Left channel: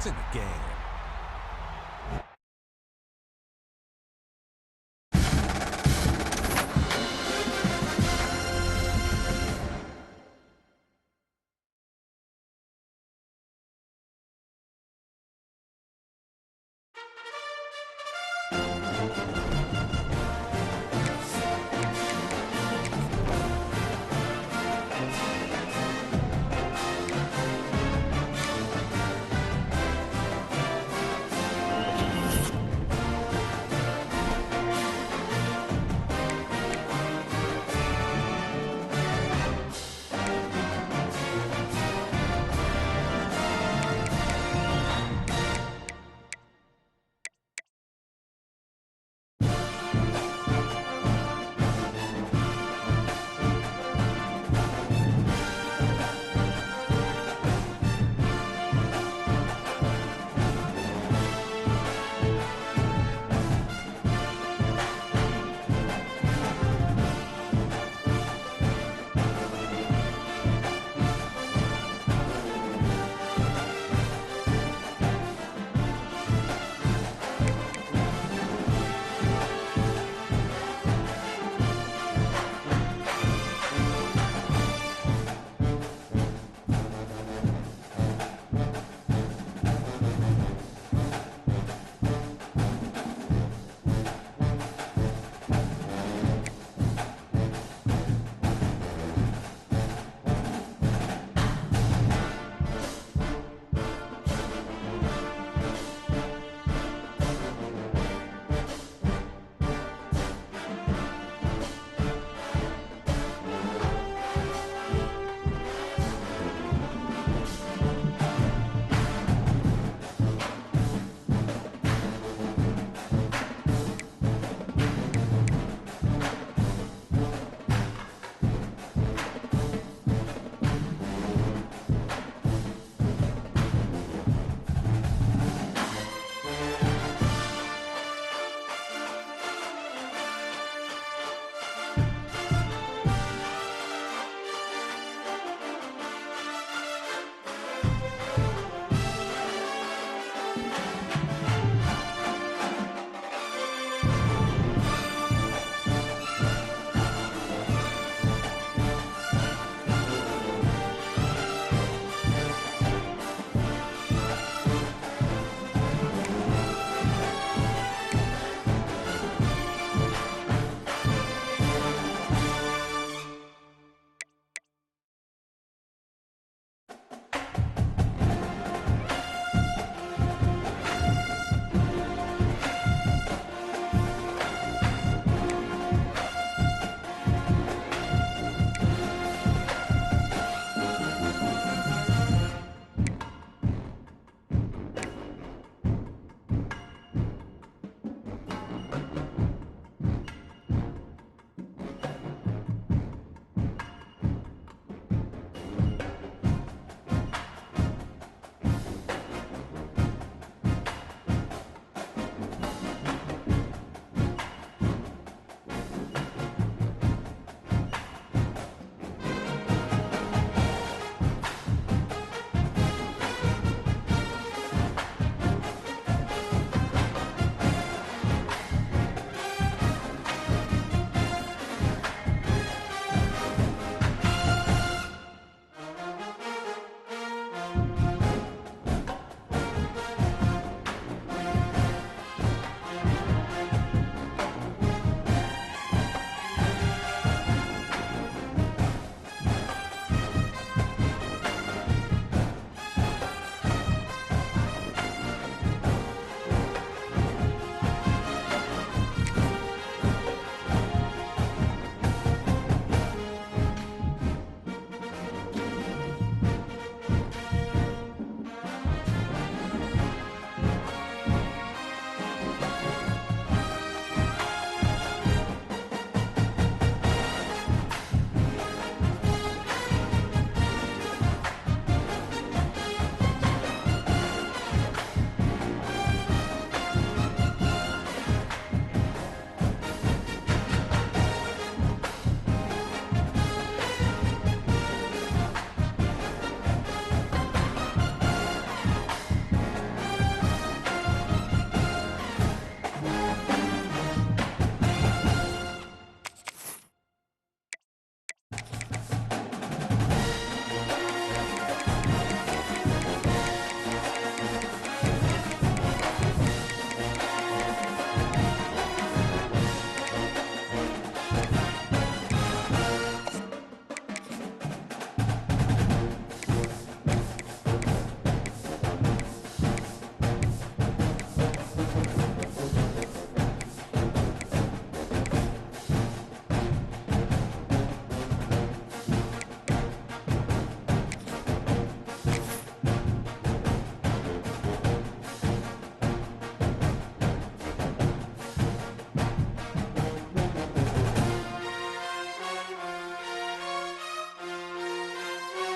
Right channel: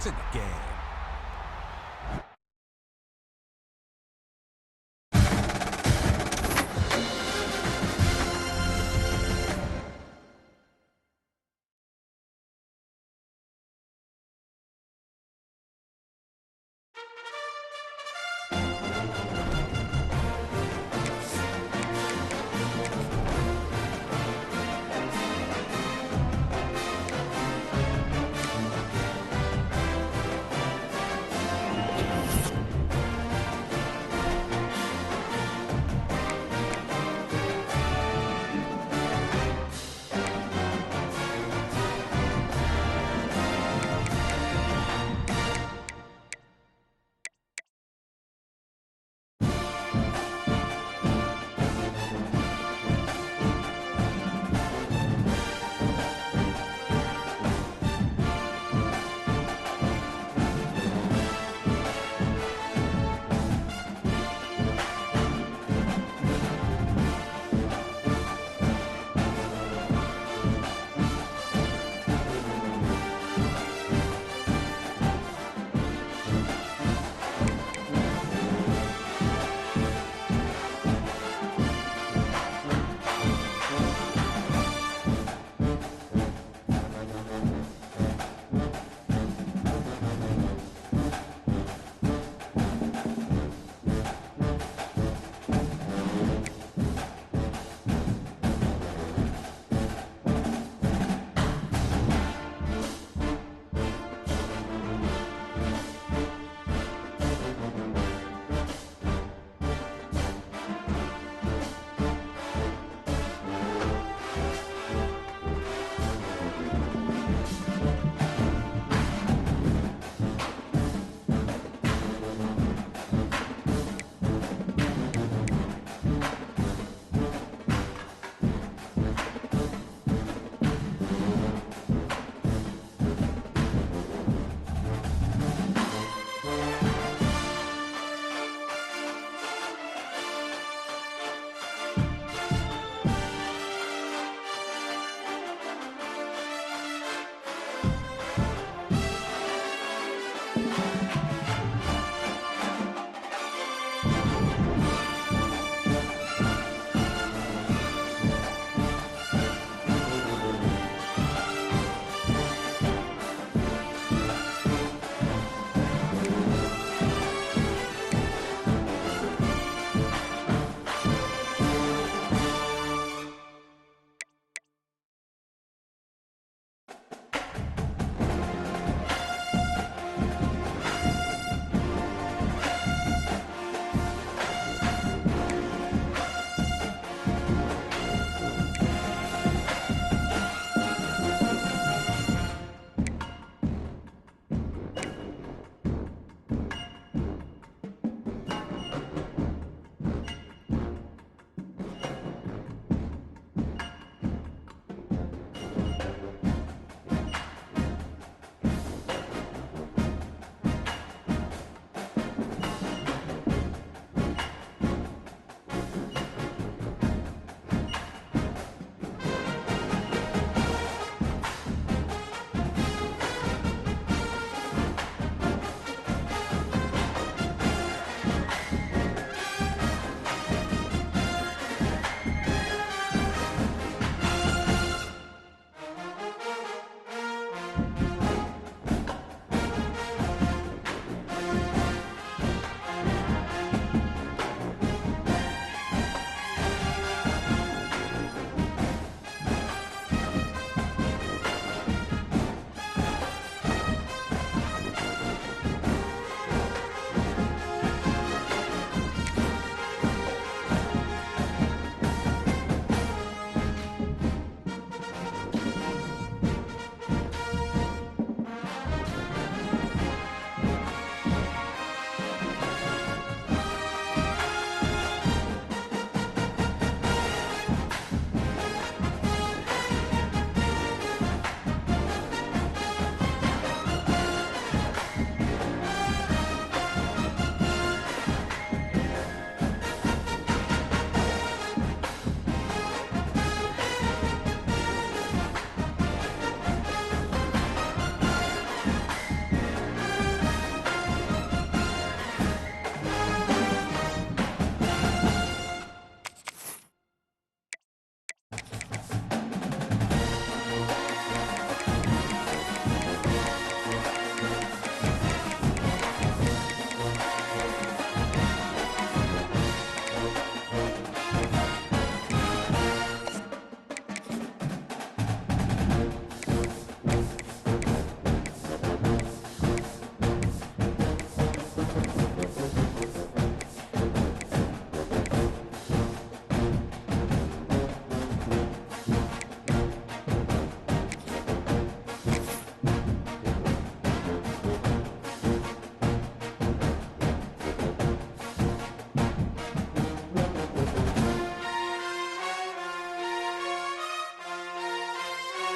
It's in the game.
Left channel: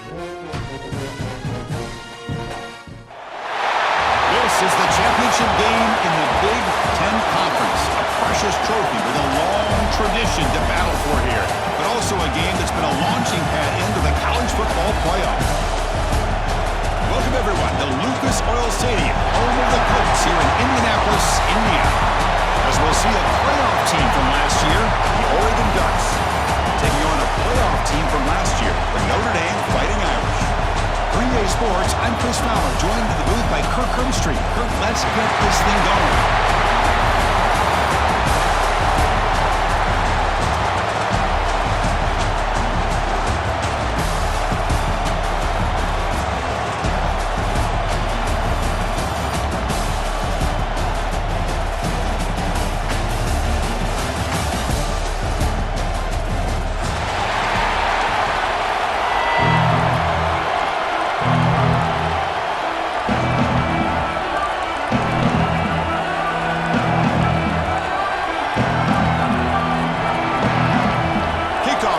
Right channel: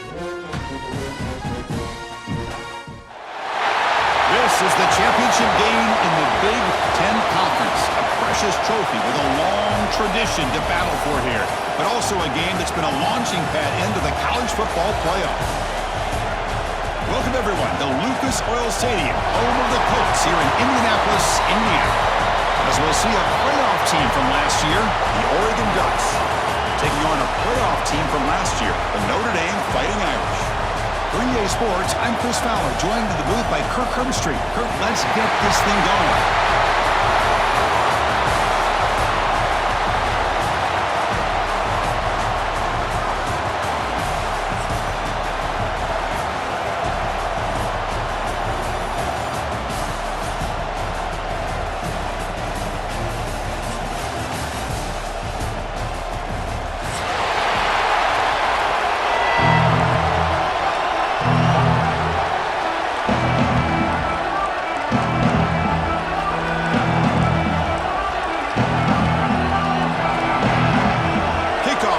This is the championship game in the Big Ten Conference, a precious trophy with a long tradition to battle for here, but also a game that's been a launching pad into the college football playoff. Welcome, everyone, to Lucas Oil Stadium, home of the Colts here in Indianapolis, Indiana. As we'll see a playoff team from last year, the Oregon Ducks, taking on a playoff team from last year, the Notre Dame Fighting Irish. For EA Sports, I'm Chris Fowler, joined to the booth by Kirk Herbstreit. Kirk, let's get this thing going.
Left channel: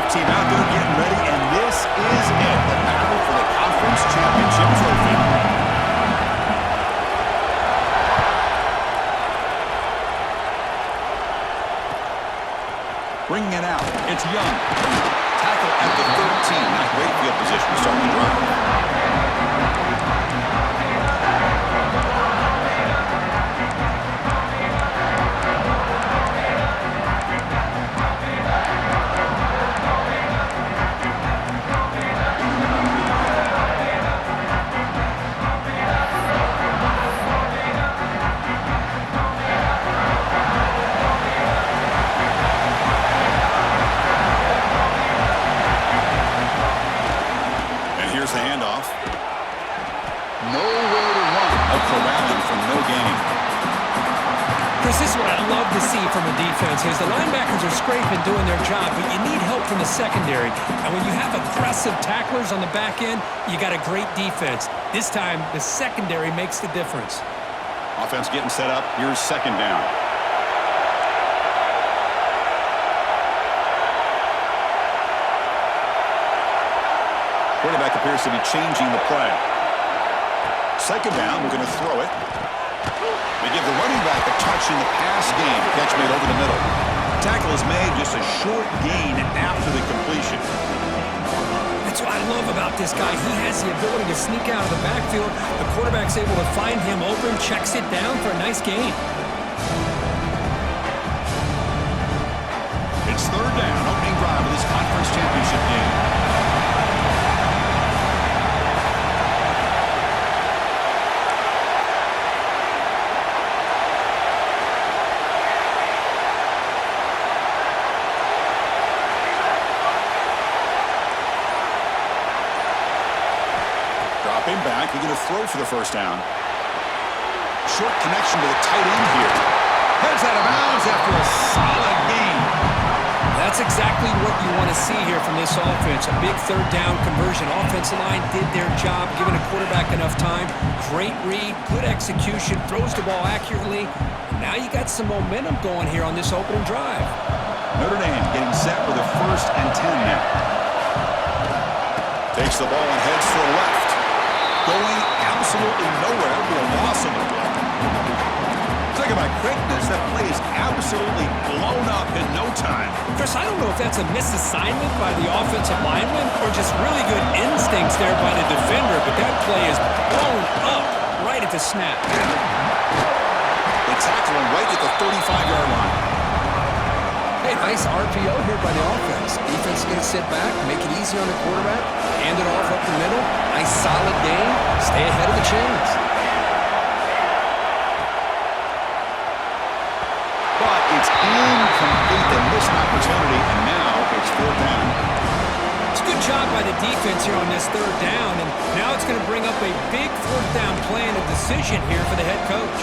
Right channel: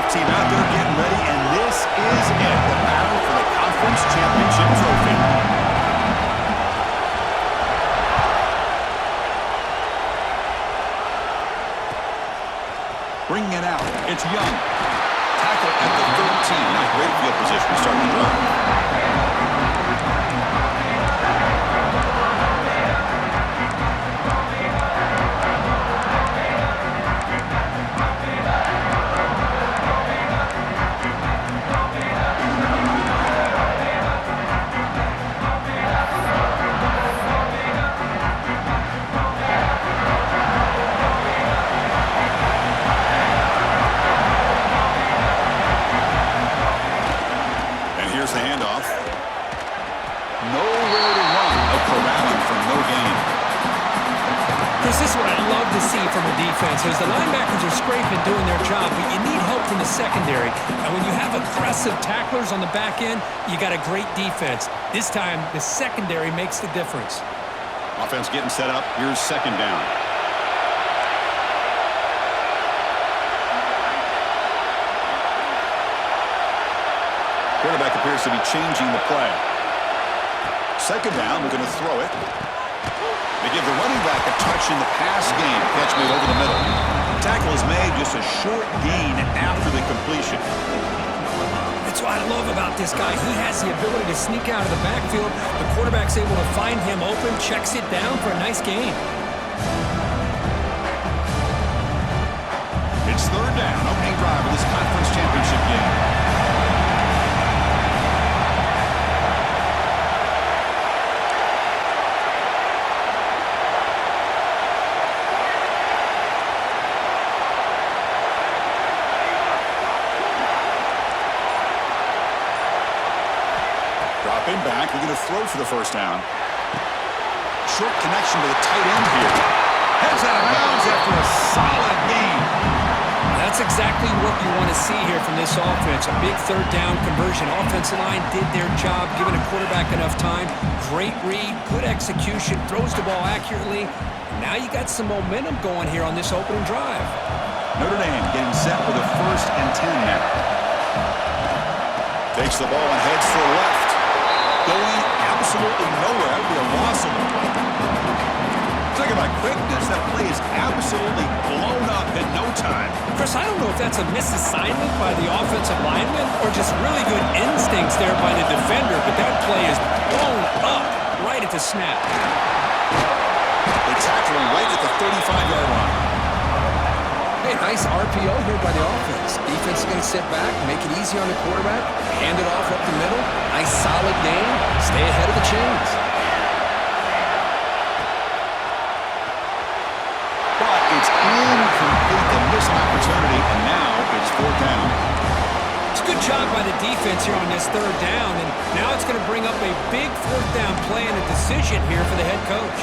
Team out there getting ready, and this is it, the battle for the conference championship trophy. Bringing it out, it's Young. Tackle at the 13, not great field position to start the drive. Here's the handoff. Nowhere to run. A corralling from no gain. Chris, this is what I love to see from a defense. Is the linebackers are scraping, doing their job, but you need help from the secondary. And when you have aggressive tacklers on the back end, you got a great defense. This time, the secondary makes the difference. Offense getting set up. Here's second down. Quarterback appears to be changing the play. Second down, we're going to throw it. They give the running back a touch in the pass game. Catch made over the middle. Tackle is made, just a short gain after the completion. That's what I love about this guy. He has the ability to sneak out of the backfield. The quarterback's able to find him open, checks it down for a nice gain. It's third down, opening drive of this conference championship game. Dropping back, we're going to throw for the first down. Short connection to the tight end here. Heads out of bounds after a solid gain. That's exactly what you want to see here from this offense. A big third down conversion. Offensive line did their job, giving a quarterback enough time. Great read, good execution, throws the ball accurately. Now you got some momentum going here on this opening drive. Notre Dame getting set for the 1st and 10 now. Takes the ball and heads to the left. Going absolutely nowhere. That would be a loss on the play. Talk about quickness. That play is absolutely blown up in no time. Chris, I don't know if that's a misassignment by the offensive lineman or just really good instincts there by the defender, but that play is blown up right at the snap. They tackle him right at the 35-yard line. Hey, nice RPO here by the offense. Defense is going to sit back, make it easy on the quarterback, hand it off up the middle. Nice solid game. Stay ahead of the chains. But it's incomplete. They miss an opportunity, and now it's fourth down. It's a good job by the defense here on this third down, and now it's going to bring up a big fourth down play and a decision here for the head coach.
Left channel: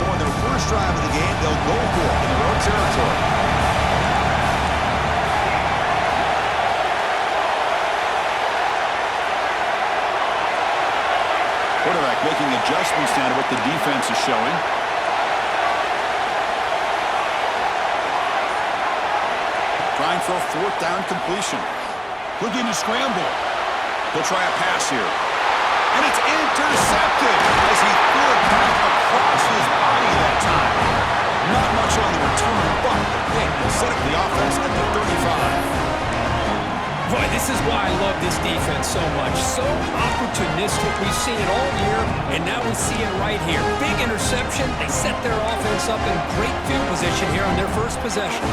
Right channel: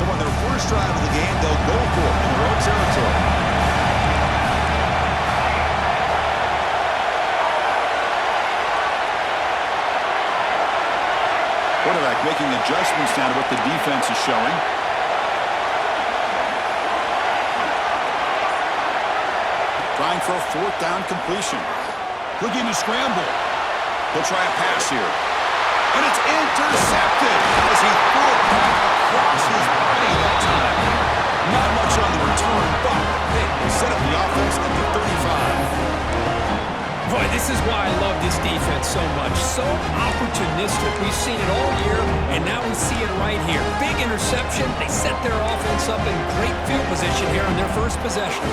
So on their first drive of the game, they'll go for it in their own territory. Quarterback making adjustments down to what the defense is showing. trying for a fourth down completion. Looking to scramble. He'll try a pass here. And it's intercepted as he threw it back across his body that time. Not much on the return, but the pick will set up the offense at the 35. Boy, this is why I love this defense so much. So opportunistic. We've seen it all year, and now we see it right here. Big interception. They set their offense up in great field position here on their first possession.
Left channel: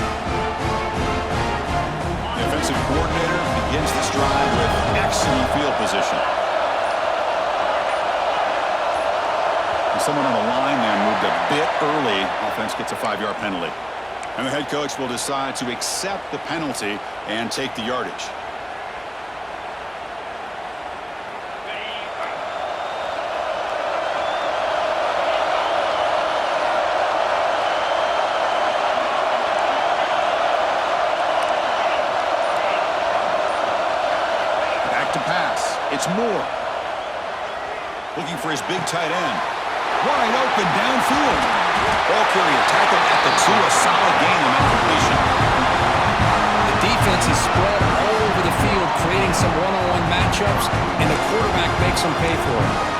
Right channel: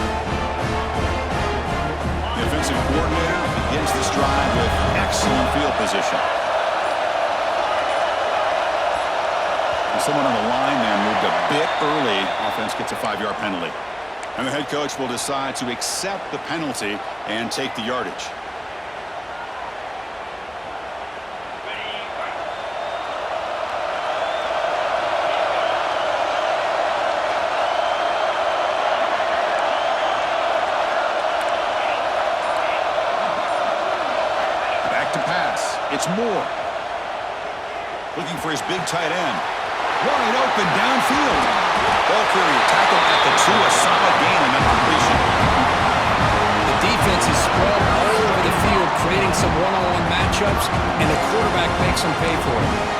The offensive coordinator begins this drive with excellent field position. And someone on the line there moved a bit early. Offense gets a 5-yard penalty. And the head coach will decide to accept the penalty and take the yardage. To pass. It's Moore. Looking for his big tight end. Wide open downfield. Ball carrier tackled at the 2. A solid gain on that completion. The defense is spread all over the field, creating some one-on-one matchups, and the quarterback makes them pay for it.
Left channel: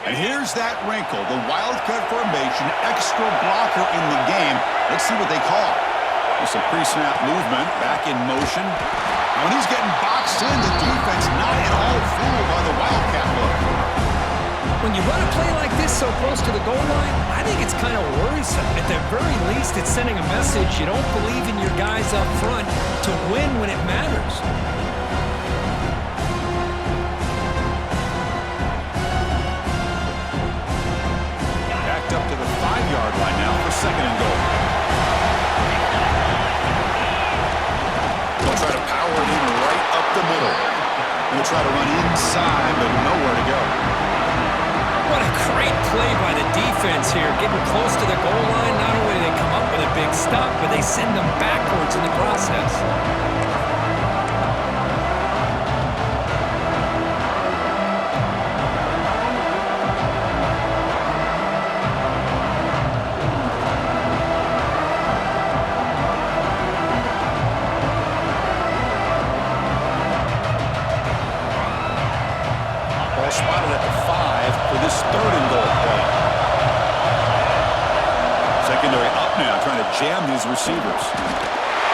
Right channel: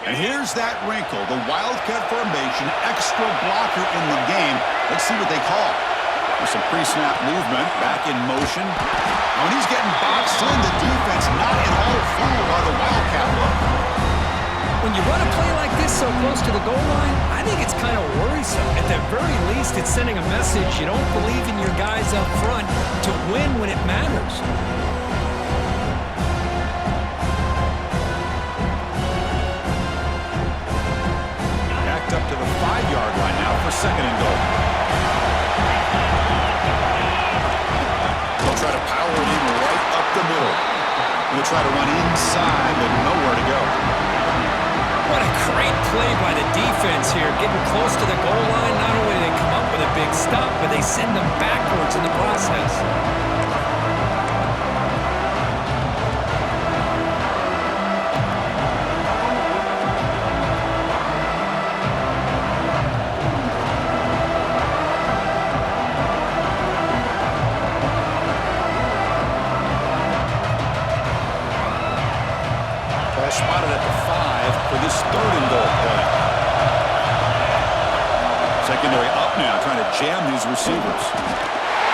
And here's that wrinkle, the Wildcat formation, extra blocker in the game. Let's see what they call. With some pre-snap movement, back in motion. Now, when he's getting boxed in, the defense not at all fooled by the Wildcat look. When you run a play like this so close to the goal line, I think it's kind of worrisome. At the very least, it's sending a message you don't believe in your guys up front to win when it matters. Up to the 5-yard line now for 2nd and goal. They'll try to power it in right up the middle. They'll try to run inside, but nowhere to go. What a great play by the defense here. Getting close to the goal line, not only do they come up with a big stop, but they send them backwards in the process. Spotted at the 5 for this 3rd and goal play. Secondary up now, trying to jam these receivers.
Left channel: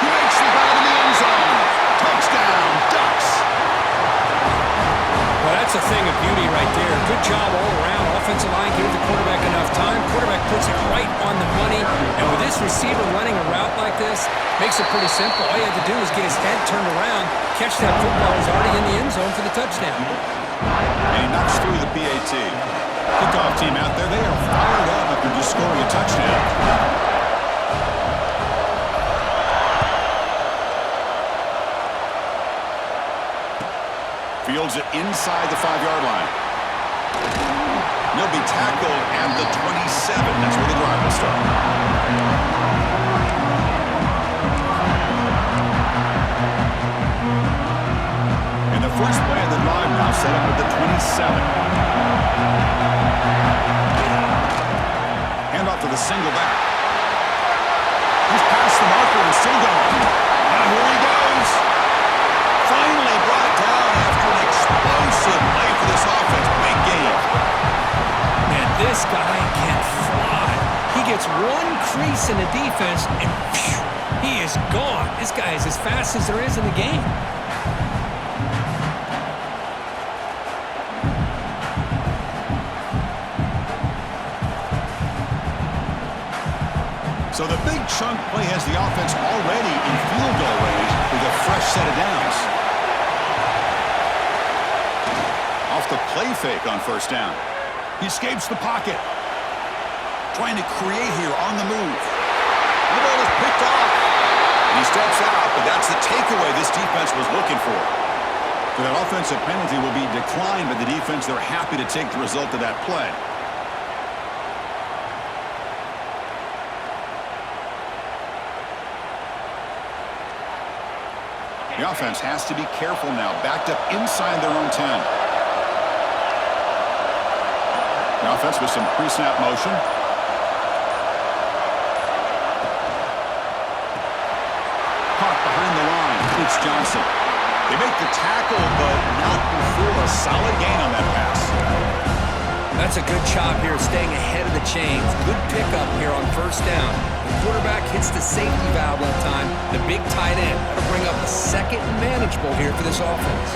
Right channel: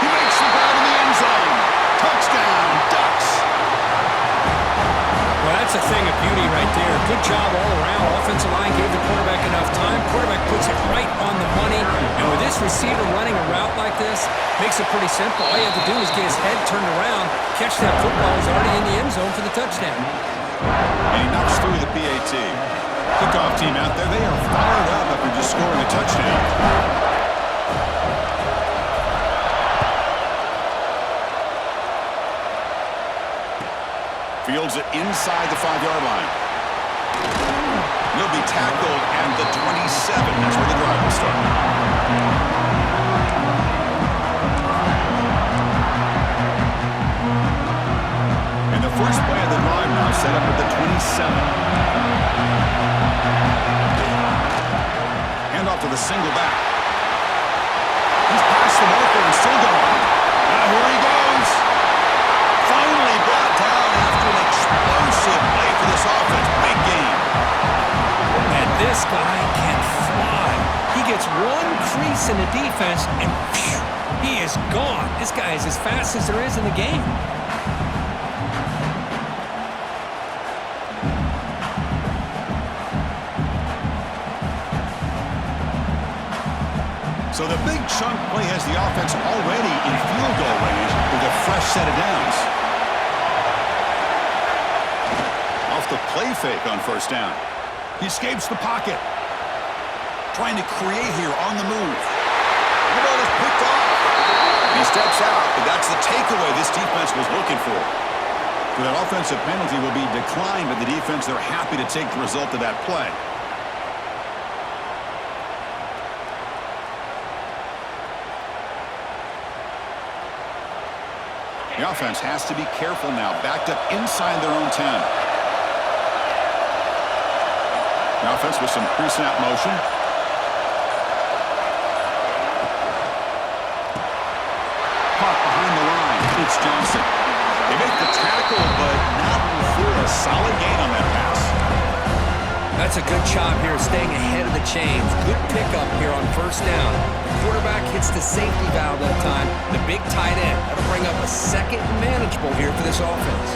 He makes the grab in the end zone. Touchdown, Ducks. Well, that's a thing of beauty right there. Good job all around. Offensive line gave the quarterback enough time. Quarterback puts it right on the money. And with this receiver running a route like this, makes it pretty simple. All you have to do is get his head turned around, catch that football. He's already in the end zone for the touchdown. And he knocks through the PAT. Kickoff team out there, they are fired up after just scoring a touchdown. Fields it inside the 5-yard line. He'll be tackled at the 27. That's where the drive will start. First play of the drive now set up at the 27. Hand off to the single back. He's past the marker and still going. Now here he goes. Finally brought down after an explosive play for this offense. Big game. Man, this guy can fly. He gets one crease in the defense and phew, he is gone. This guy is as fast as there is in the game. So the big chunk play has the offense already in field goal range with a fresh set of downs. Off the play fake on first down. He escapes the pocket. Trying to create here on the move. The ball is picked off. And he steps out, but that's the takeaway this defense was looking for. So that offensive penalty will be declined by the defense. They're happy to take the result of that play. The offense has to be careful now, backed up inside their own 10. The offense with some pre-snap motion. Caught behind the line. It's Johnson. They make the tackle, but not before a solid gain on that pass. That's a good job here, staying ahead of the chains. Good pickup here on first down. The quarterback hits the safety valve that time. The big tight end. That'll bring up a second and manageable here for this offense.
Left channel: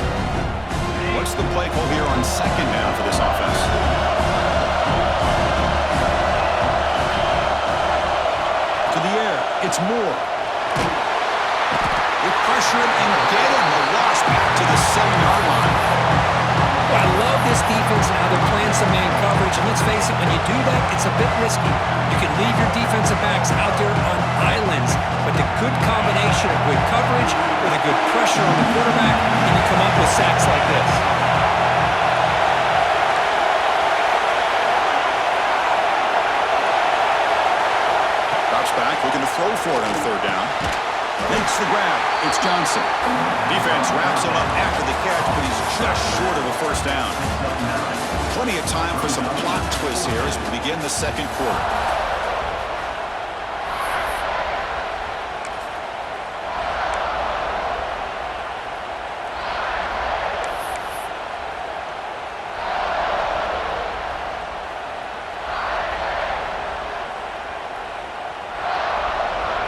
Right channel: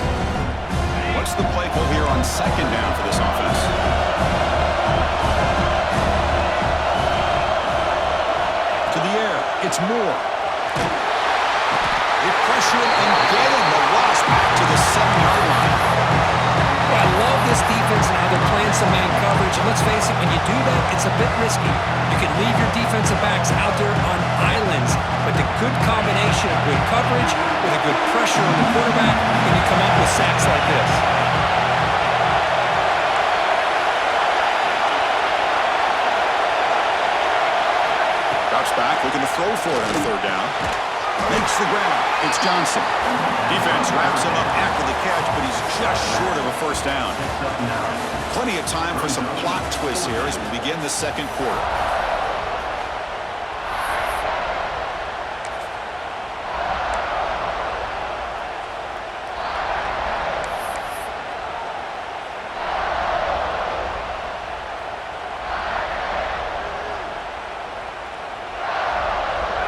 What's the play call here on second down for this offense? To the air. It's Moore. They pressure him and get him. The loss back to the 7-yard line. Well, I love this defense and how they're playing some man coverage. And let's face it, when you do that, it's a bit risky. You can leave your defensive backs out there on islands, but the good combination of good coverage with a good pressure on the quarterback, and you come up with sacks like this. Drops back, looking to throw for it on third down. Makes the grab. It's Johnson. Defense wraps him up after the catch, but he's just short of a first down. Plenty of time for some plot twists here as we begin the second quarter.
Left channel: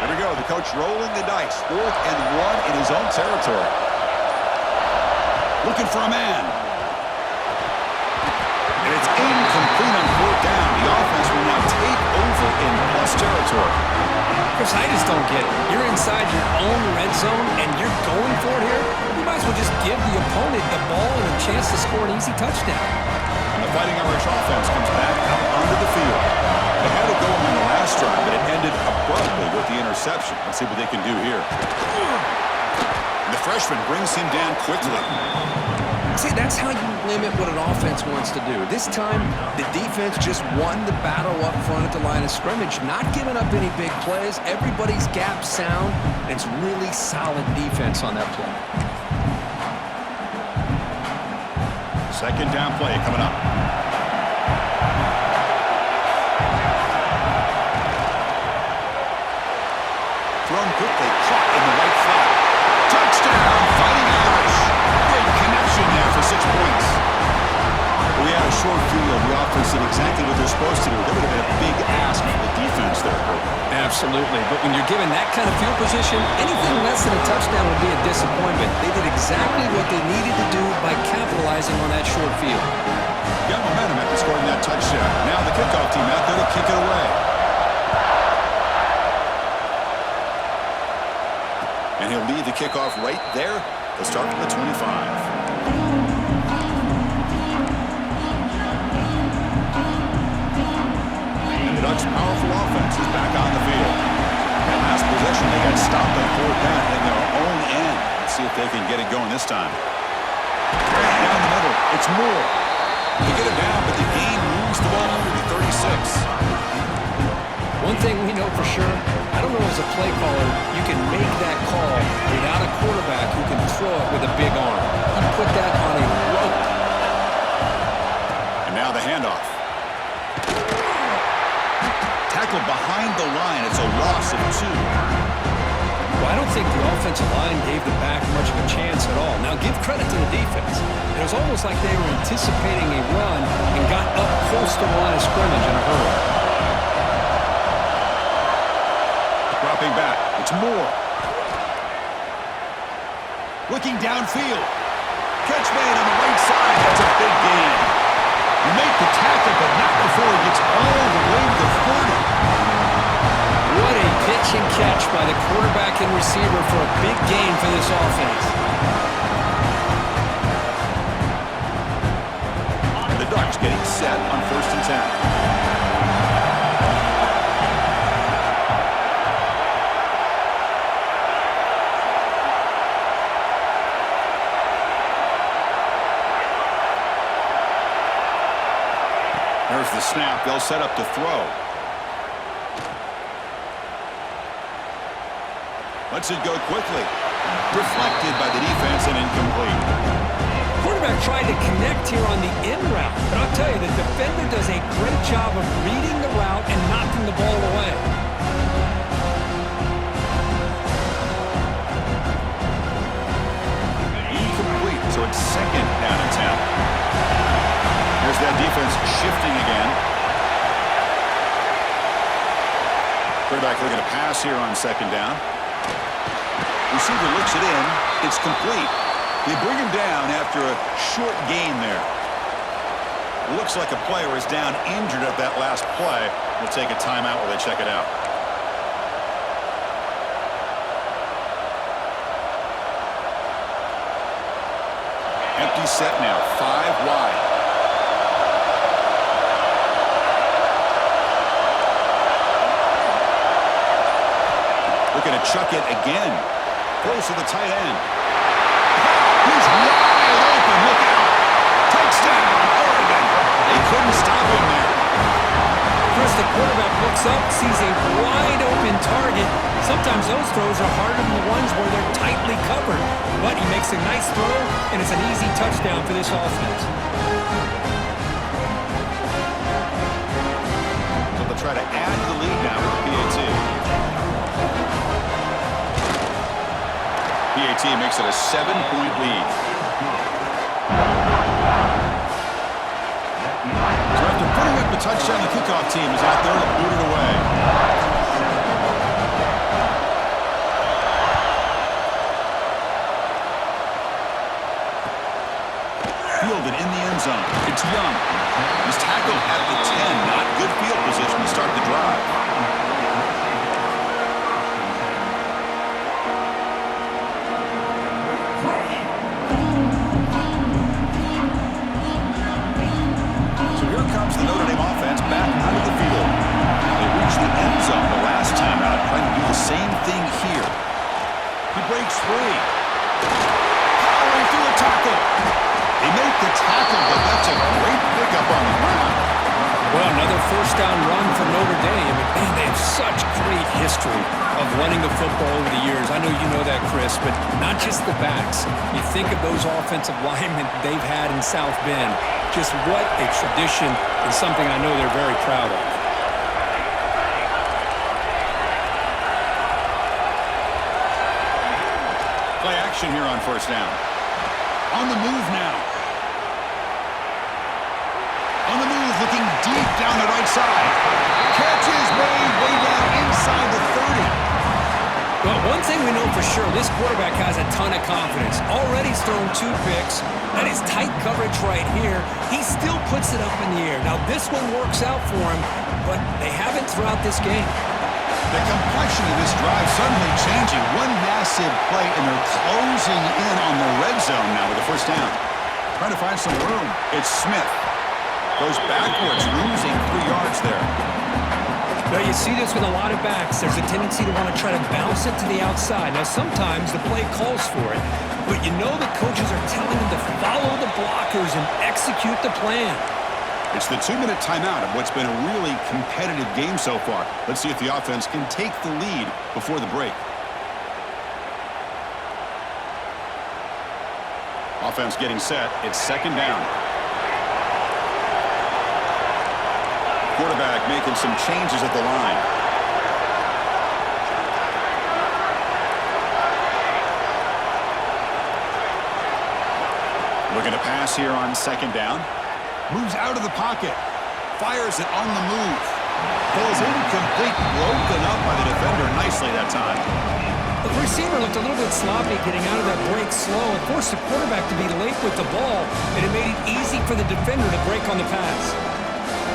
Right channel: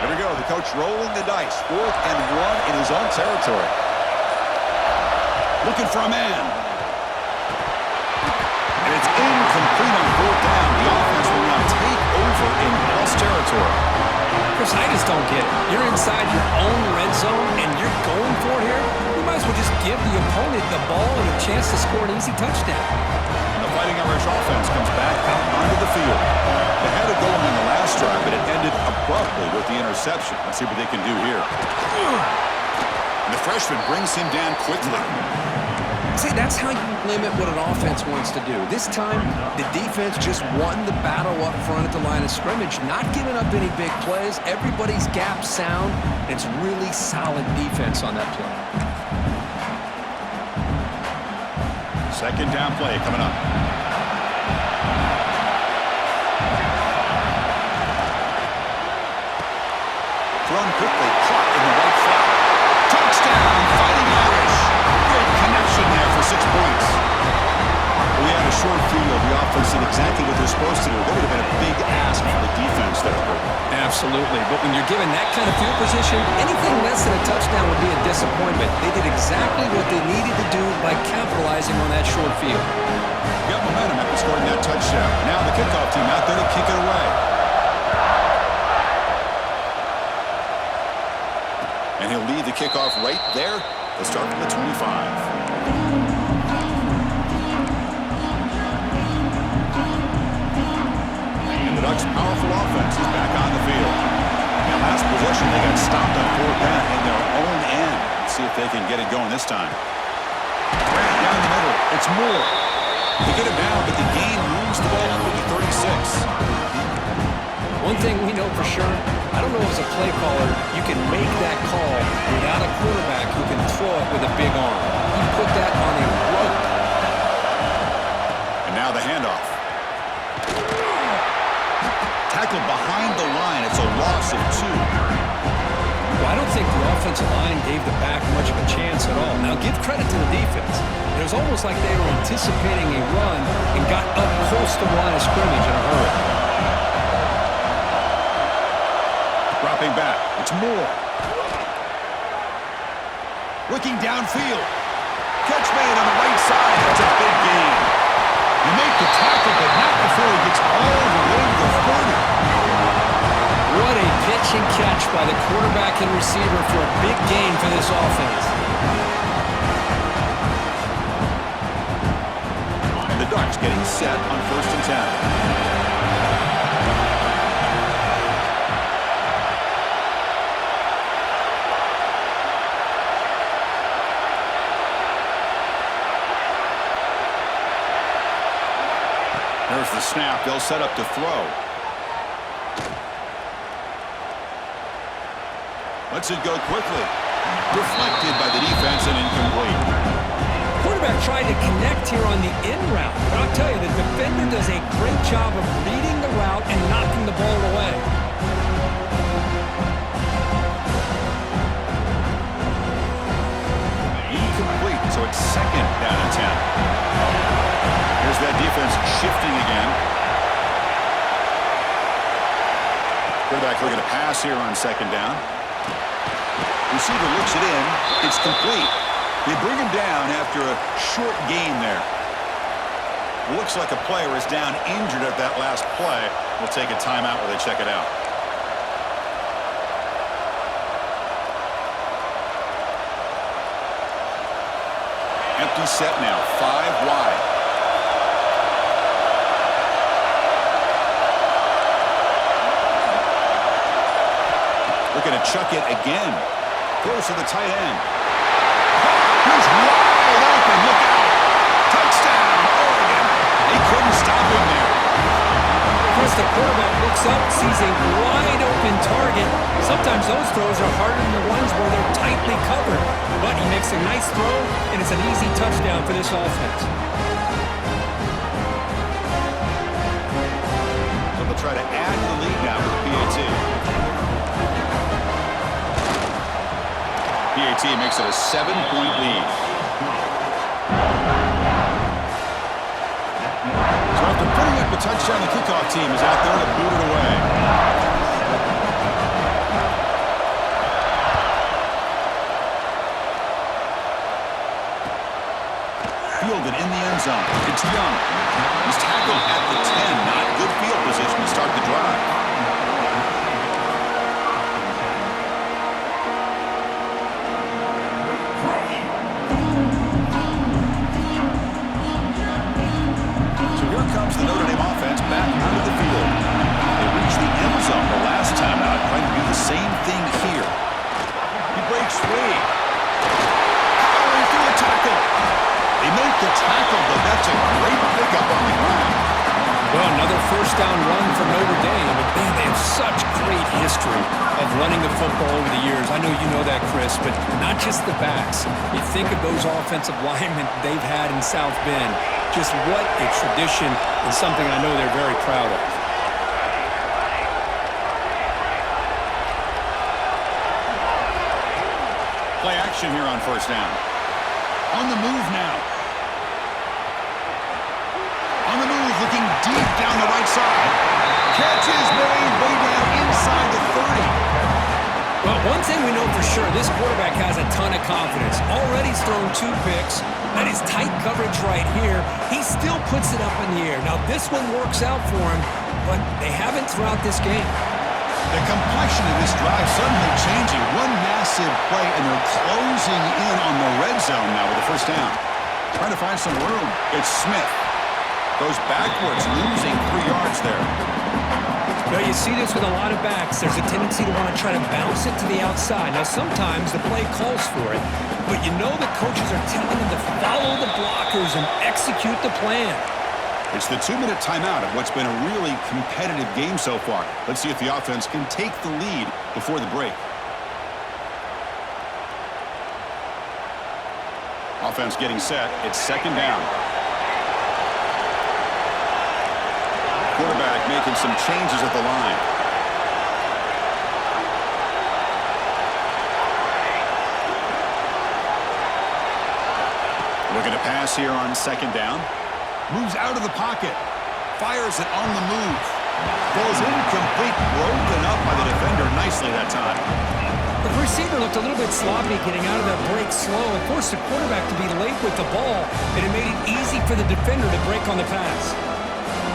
Here we go. The coach rolling the dice. 4th and 1 in his own territory. Looking for a man. And it's incomplete on 4th down. The offense will now take over in plus territory. Chris, I just don't get it. You're inside your own red zone, and you're going for it here? You might as well just give the opponent the ball and a chance to score an easy touchdown. And the Fighting Irish offense comes back out onto the field. They had it going on the last drive, but it ended abruptly with the interception. Let's see what they can do here. And the freshman brings him down quickly. See, that's how you limit what an offense wants to do. This time, the defense just won the battle up front at the line of scrimmage, not giving up any big plays. Everybody's gap sound. It's really solid defense on that play. Second down play coming up. Thrown quickly, caught in the right flat. Touchdown, Fighting Irish. Great connection there for 6 points. We had a short field. The offense did exactly what they're supposed to do. That would have been a big ask for the defense there. Absolutely, but when you're given that kind of field position, anything less than a touchdown would be a disappointment. They did exactly what they needed to do by capitalizing on that short field. Got momentum after scoring that touchdown. Now the kickoff team out there to kick it away. And he'll lead the kickoff right there. They'll start from the 25. And the Ducks' powerful offense is back on the field. That last possession, they got stopped on 4th down in their own end. Let's see if they can get it going this time. Right down the middle. It's Moore. They get it down, but the gain moves the ball up to the 36. One thing we know for sure, I don't know as a play caller, you can make that call without a quarterback who can throw it with a big arm. He put that on a rope. And now the handoff. Tackled behind the line. It's a loss of 2. Well, I don't think the offensive line gave the back much of a chance at all. Now, give credit to the defense. It was almost like they were anticipating a run and got up close to the line of scrimmage in a hurry. Dropping back. It's Moore. Looking downfield. Catch made on the right side. That's a big gain. You make the tackle, but not before he gets all the way to the 40. What a pitch and catch by the quarterback and receiver for a big gain for this offense. And the Ducks getting set on 1st and 10. There's the snap. They'll set up to throw. Lets it go quickly. Deflected by the defense and incomplete. Quarterback tried to connect here on the in route, but I'll tell you, the defender does a great job of reading the route and knocking the ball away. Incomplete, so it's second down and 10. Here's that defense shifting again. Quarterback looking to pass here on second down. Receiver looks it in. It's complete. They bring him down after a short gain there. Looks like a player is down injured at that last play. We'll take a timeout while they check it out. Empty set now, 5 wide. Looking to chuck it again. Throws to the tight end. He's wide open. Look out. Touchdown, Oregon. They couldn't stop him there. First, the quarterback looks up, sees a wide open target. Sometimes those throws are harder than the ones where they're tightly covered. But he makes a nice throw, and it's an easy touchdown for this offense. So they'll try to add to the lead now with the PAT. PAT makes it a 7-point lead. So after putting up the touchdown, the kickoff team is out there to boot it away. Fielded in the end zone. It's Young. He's tackled at the 10. Not good field position to start the drive. The Notre Dame offense back out of the field. They reached the end zone the last time out, trying to do the same thing here. He breaks free. Powering through a tackle. They make the tackle, but that's a great pickup on the ground. Well, another first down run for Notre Dame. But man, they have such great history of running the football over the years. I know you know that, Chris, but not just the backs. You think of those offensive linemen they've had in South Bend. Just what a tradition and something I know they're very proud of. Play action here on first down. On the move now. On the move, looking deep down the right side. Catch is made way down inside the 30. Well, one thing we know for sure, this quarterback has a ton of confidence. Already he's thrown 2 picks. That is tight coverage right here. He still puts it up in the air. Now, this one works out for him, but they haven't throughout this game. The complexion of this drive suddenly changing. One massive play, and they're closing in on the red zone now with the first down. Trying to find some room. It's Smith. Goes backwards, losing 3 yards there. Now, you see this with a lot of backs. There's a tendency to want to try to bounce it to the outside. Now, sometimes the play calls for it, but you know the coaches are telling them to follow the blockers and execute the plan. It's the 2-minute timeout of what's been a really competitive game so far. Let's see if the offense can take the lead before the break. Offense getting set. It's second down. Quarterback making some changes at the line. Looking to pass here on second down. Moves out of the pocket. Fires it on the move. Falls incomplete. Broken up by the defender nicely that time. The receiver looked a little bit sloppy getting out of that break slow. It forced the quarterback to be late with the ball, and it made it easy for the defender to break on the pass.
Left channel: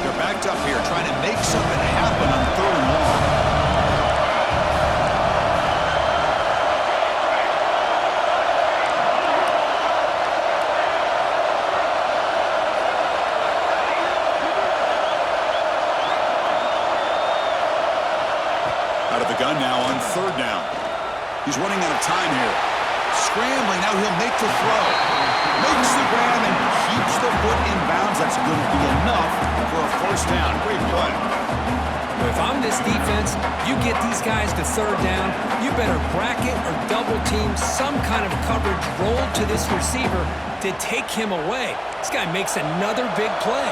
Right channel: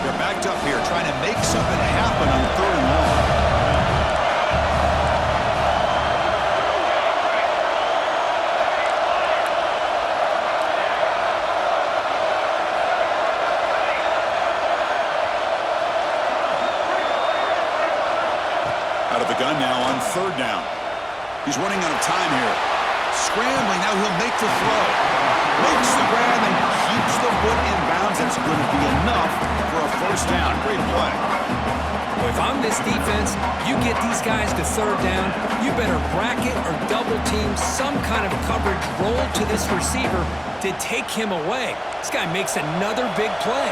They're backed up here trying to make something happen on 3rd and long. Out of the gun now on 3rd down. He's running out of time here. Scrambling, now he'll make the throw. Makes the grab and keeps the foot in bounds. That's going to be enough for a first down. Great play. Well, if I'm this defense, you get these guys to third down, you better bracket or double team some kind of coverage roll to this receiver to take him away. This guy makes another big play.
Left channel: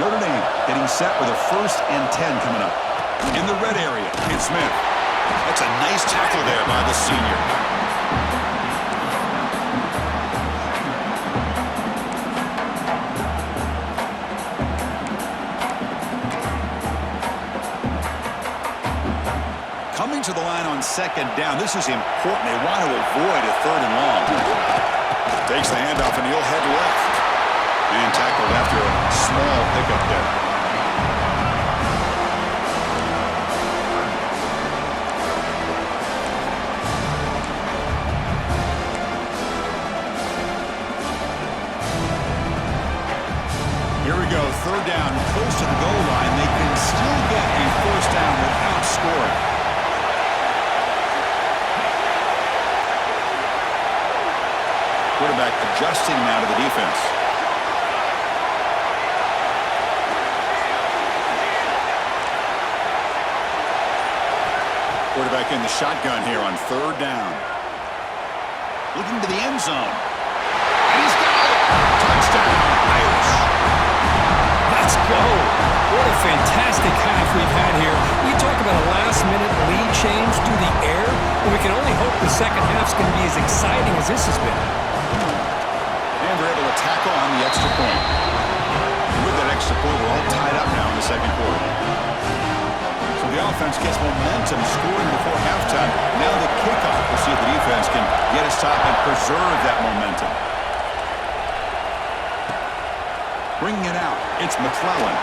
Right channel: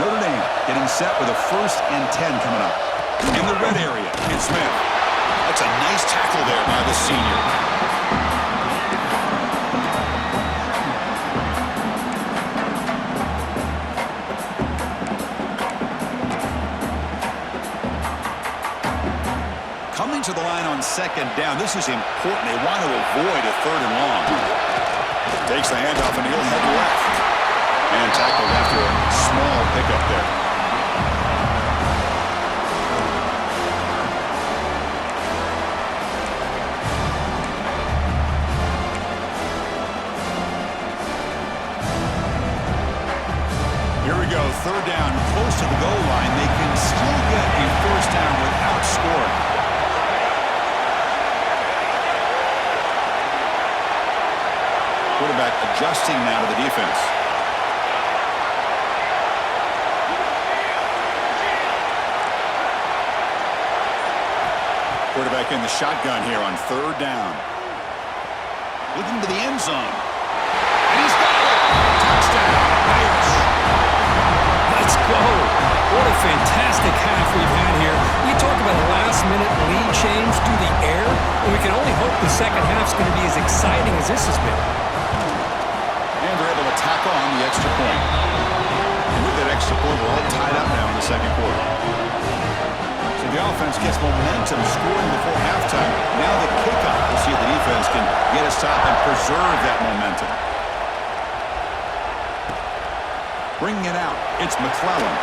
Notre Dame getting set with a 1st and 10 coming up. In the red area, it's Smith. That's a nice tackle there by the senior. Coming to the line on 2nd down. This is important. They want to avoid a 3rd and long. Takes the handoff and he'll head left. And tackled after a small pickup there. Here we go, 3rd down, close to the goal line. They can still get a 1st down without scoring. Quarterback adjusting now to the defense. Quarterback in the shotgun here on 3rd down. Looking to the end zone. And he's got it! Touchdown, Irish! Let's go. What a fantastic half we've had here. We talk about a last-minute lead change through the air, and we can only hope the second half's going to be as exciting as this has been. And they're able to tackle on the extra point. And with that extra point, we're all tied up now in the 2nd quarter. So the offense gets momentum scoring before halftime. Now the kickoff. We'll see if the defense can get a stop and preserve that momentum. Bringing it out, it's McClellan.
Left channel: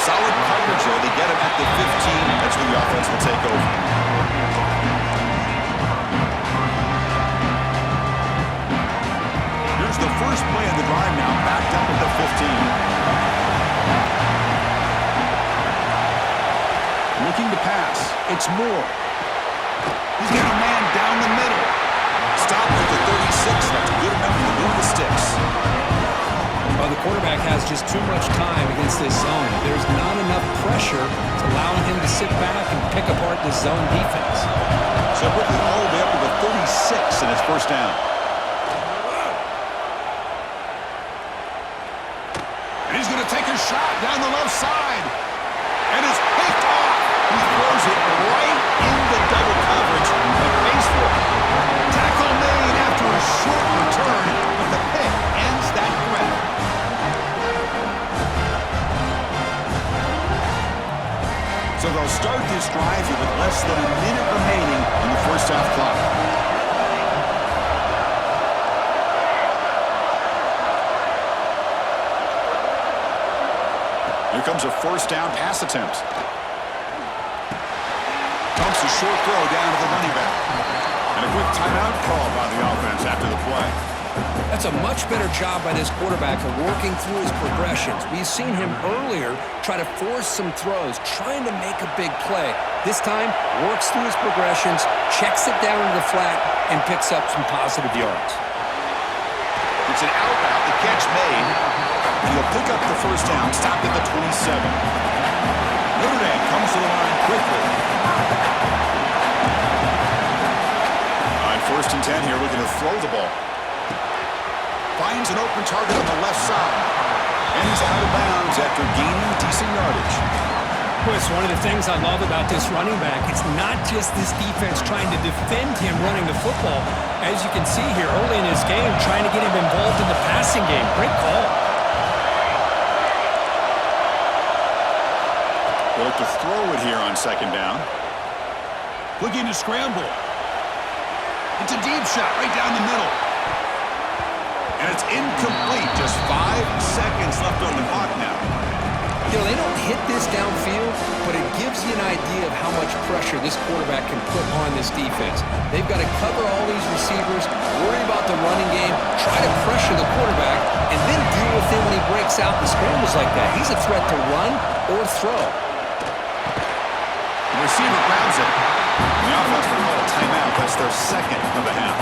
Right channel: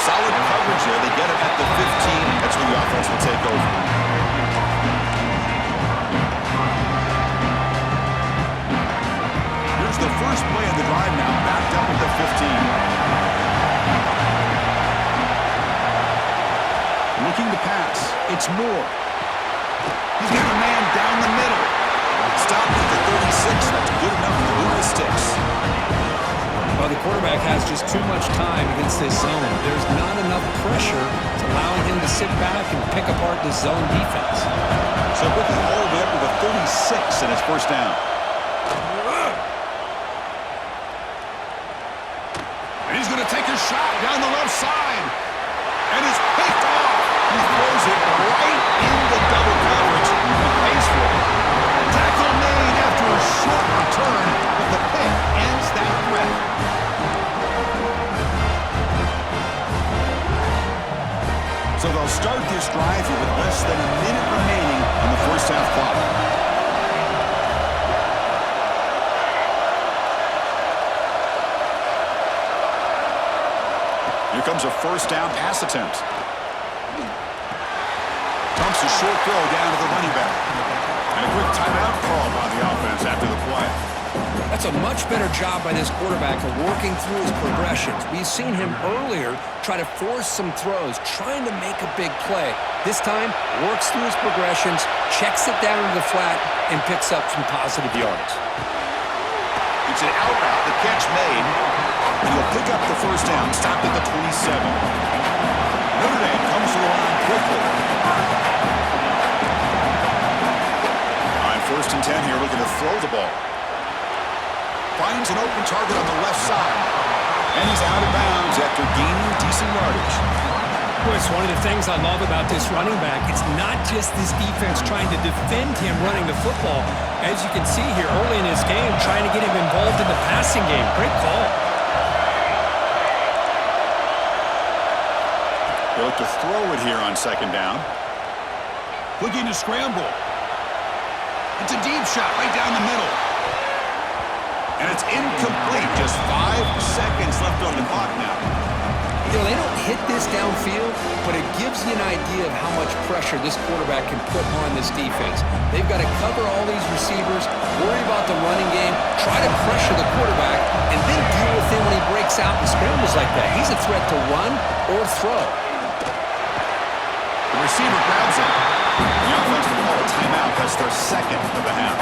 Solid coverage there. They get him at the 15. That's when the offense will take over. Here's the first play of the drive now, backed up at the 15. Looking to pass. It's Moore. He's got a man down the middle. Stopped at the 36. That's good enough to move the sticks. Well, the quarterback has just too much time against this zone. There's not enough pressure to allowing him to sit back and pick apart this zone defense. So quickly all the way up to the 36 in his 1st down. And he's going to take a shot down the left side. And it's picked off. He throws it right into double coverage and pays for it. Tackle made after a short return, but the pick ends that threat. So they'll start this drive here with less than a minute remaining on the 1st half clock. Here comes a 1st down pass attempt. Dumps a short throw down to the running back. And a quick timeout call by the offense after the play. That's a much better job by this quarterback of working through his progressions. We've seen him earlier try to force some throws, trying to make a big play. This time, works through his progressions, checks it down into the flat, and picks up some positive yards. It's an out route, the catch made, and he'll pick up the 1st down, stopped at the 27. Notre Dame comes to the line quickly. On 1st and 10 here, looking to throw the ball. Finds an open target on the left side. And he's out of bounds after gaining decent yardage. Boy, it's one of the things I love about this running back. It's not just this defense trying to defend him running the football. As you can see here early in his game, trying to get him involved in the passing game. Great call. They look to throw it here on 2nd down. Looking to scramble. It's a deep shot right down the middle. And it's incomplete. Just 5 seconds left on the clock now. You know, they don't hit this downfield, but it gives you an idea of how much pressure this quarterback can put on this defense. They've got to cover all these receivers, worry about the running game, try to pressure the quarterback, and then deal with him when he breaks out and scrambles like that. He's a threat to run or throw. The receiver grabs it. The offense will call a timeout. That's their 2nd of the half.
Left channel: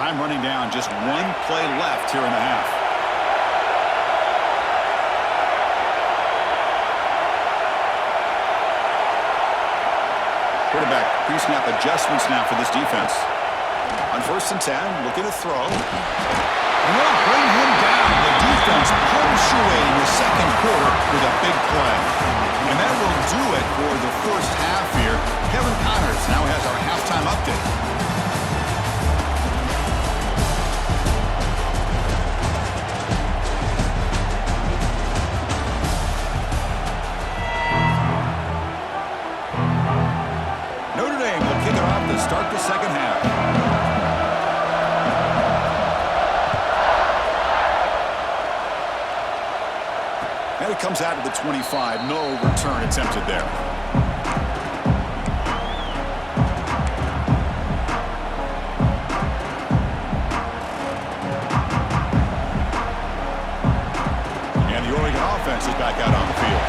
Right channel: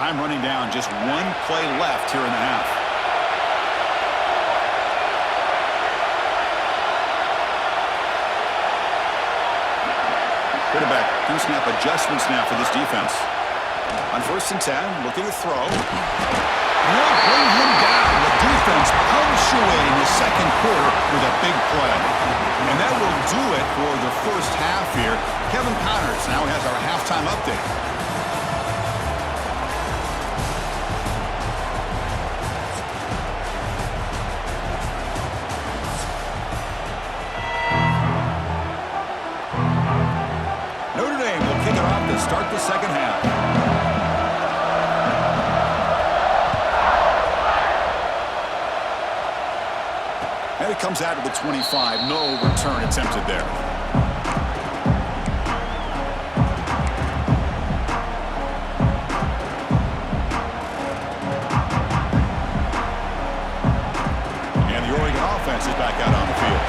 Time running down, just one play left here in the half. Quarterback pre-snap adjustments now for this defense. On 1st and 10, looking to throw. And they'll bring him down. The defense punctuating the second quarter with a big play. And that will do it for the first half here. Kevin Connors now has our halftime update. Notre Dame will kick it off to start the second half. And it comes out of the 25. No return attempted there. And the Oregon offense is back out on the field.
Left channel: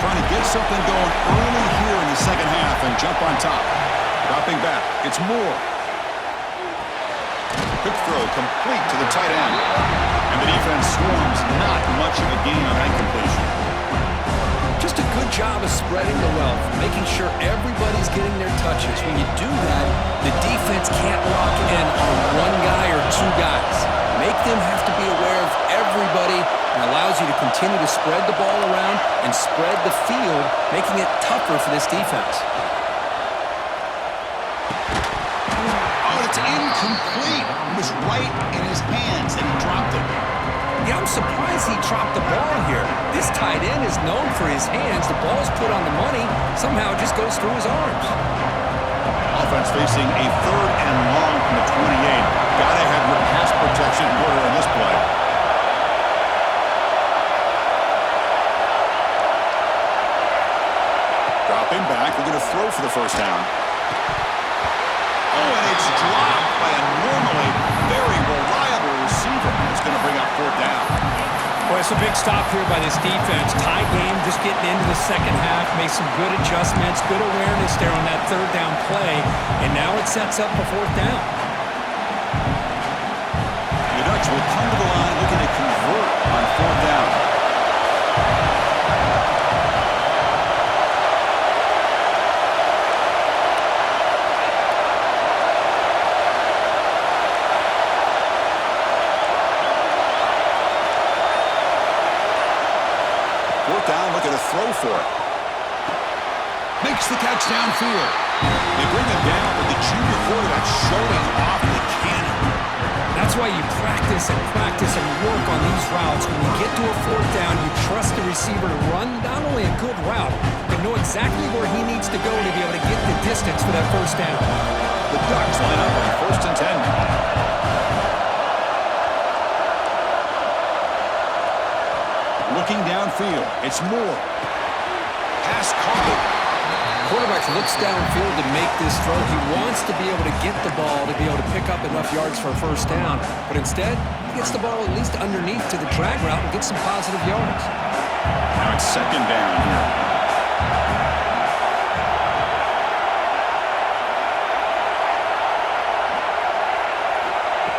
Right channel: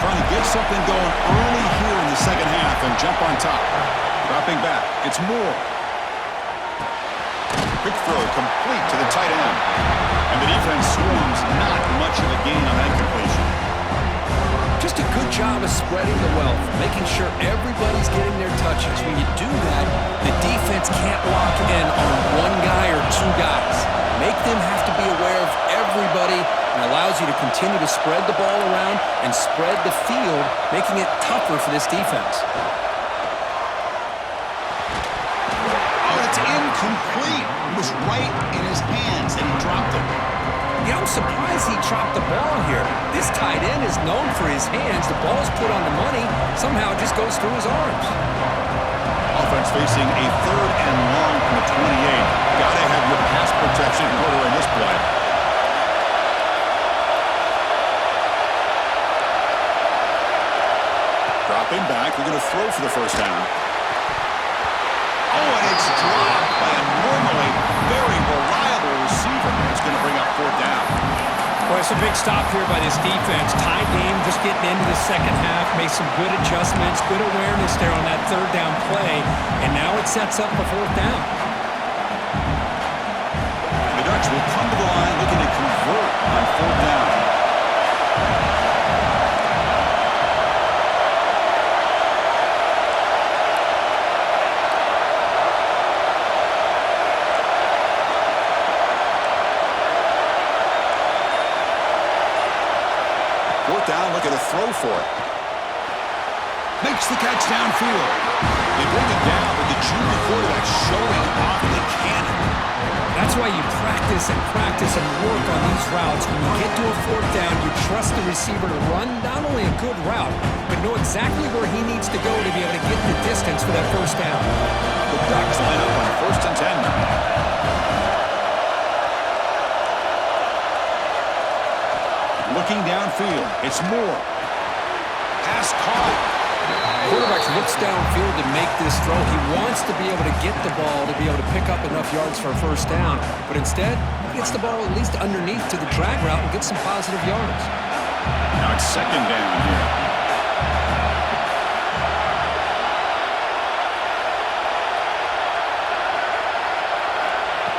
Trying to get something going early here in the second half and jump on top. Dropping back. It's Moore. Quick throw complete to the tight end. And the defense swarms, not much of a gain on that completion. Just a good job of spreading the wealth, making sure everybody's getting their touches. When you do that, the defense can't lock in on one guy or two guys. Make them have to be aware of everybody, and allows you to continue to spread the ball around and spread the field, making it tougher for this defense. Oh, it's incomplete. It was right in his hands, and he dropped it. Yeah, I'm surprised he dropped the ball here. This tight end is known for his hands. The ball's put on the money. Somehow it just goes through his arms. Offense facing a 3rd and long from the 28. Gotta have your pass protection in order in this play. Dropping back, we're going to throw for the first down. Oh, and it's dropped by a normally very reliable receiver. It's going to bring up 4th down. Boy, it's a big stop here by this defense. Tie game, just getting into the second half, made some good adjustments, good awareness there on that 3rd down play, and now it sets up for 4th down. The Ducks will come to the line looking to convert on 4th down. Down, looking to throw for it. Makes the catch downfield. They bring him down, but the junior quarterback showing off the cannon. That's why you practice and work on these routes. When you get to a 4th down, you trust the receiver to run not only a good route, but know exactly where he needs to go to be able to get the distance for that 1st down. The Ducks line up on 1st and 10 now. Looking downfield, it's Moore. Pass caught. Quarterback looks downfield to make this throw. He wants to be able to get the ball to be able to pick up enough yards for a 1st down. But instead, he gets the ball at least underneath to the drag route and gets some positive yards. Now it's 2nd down here.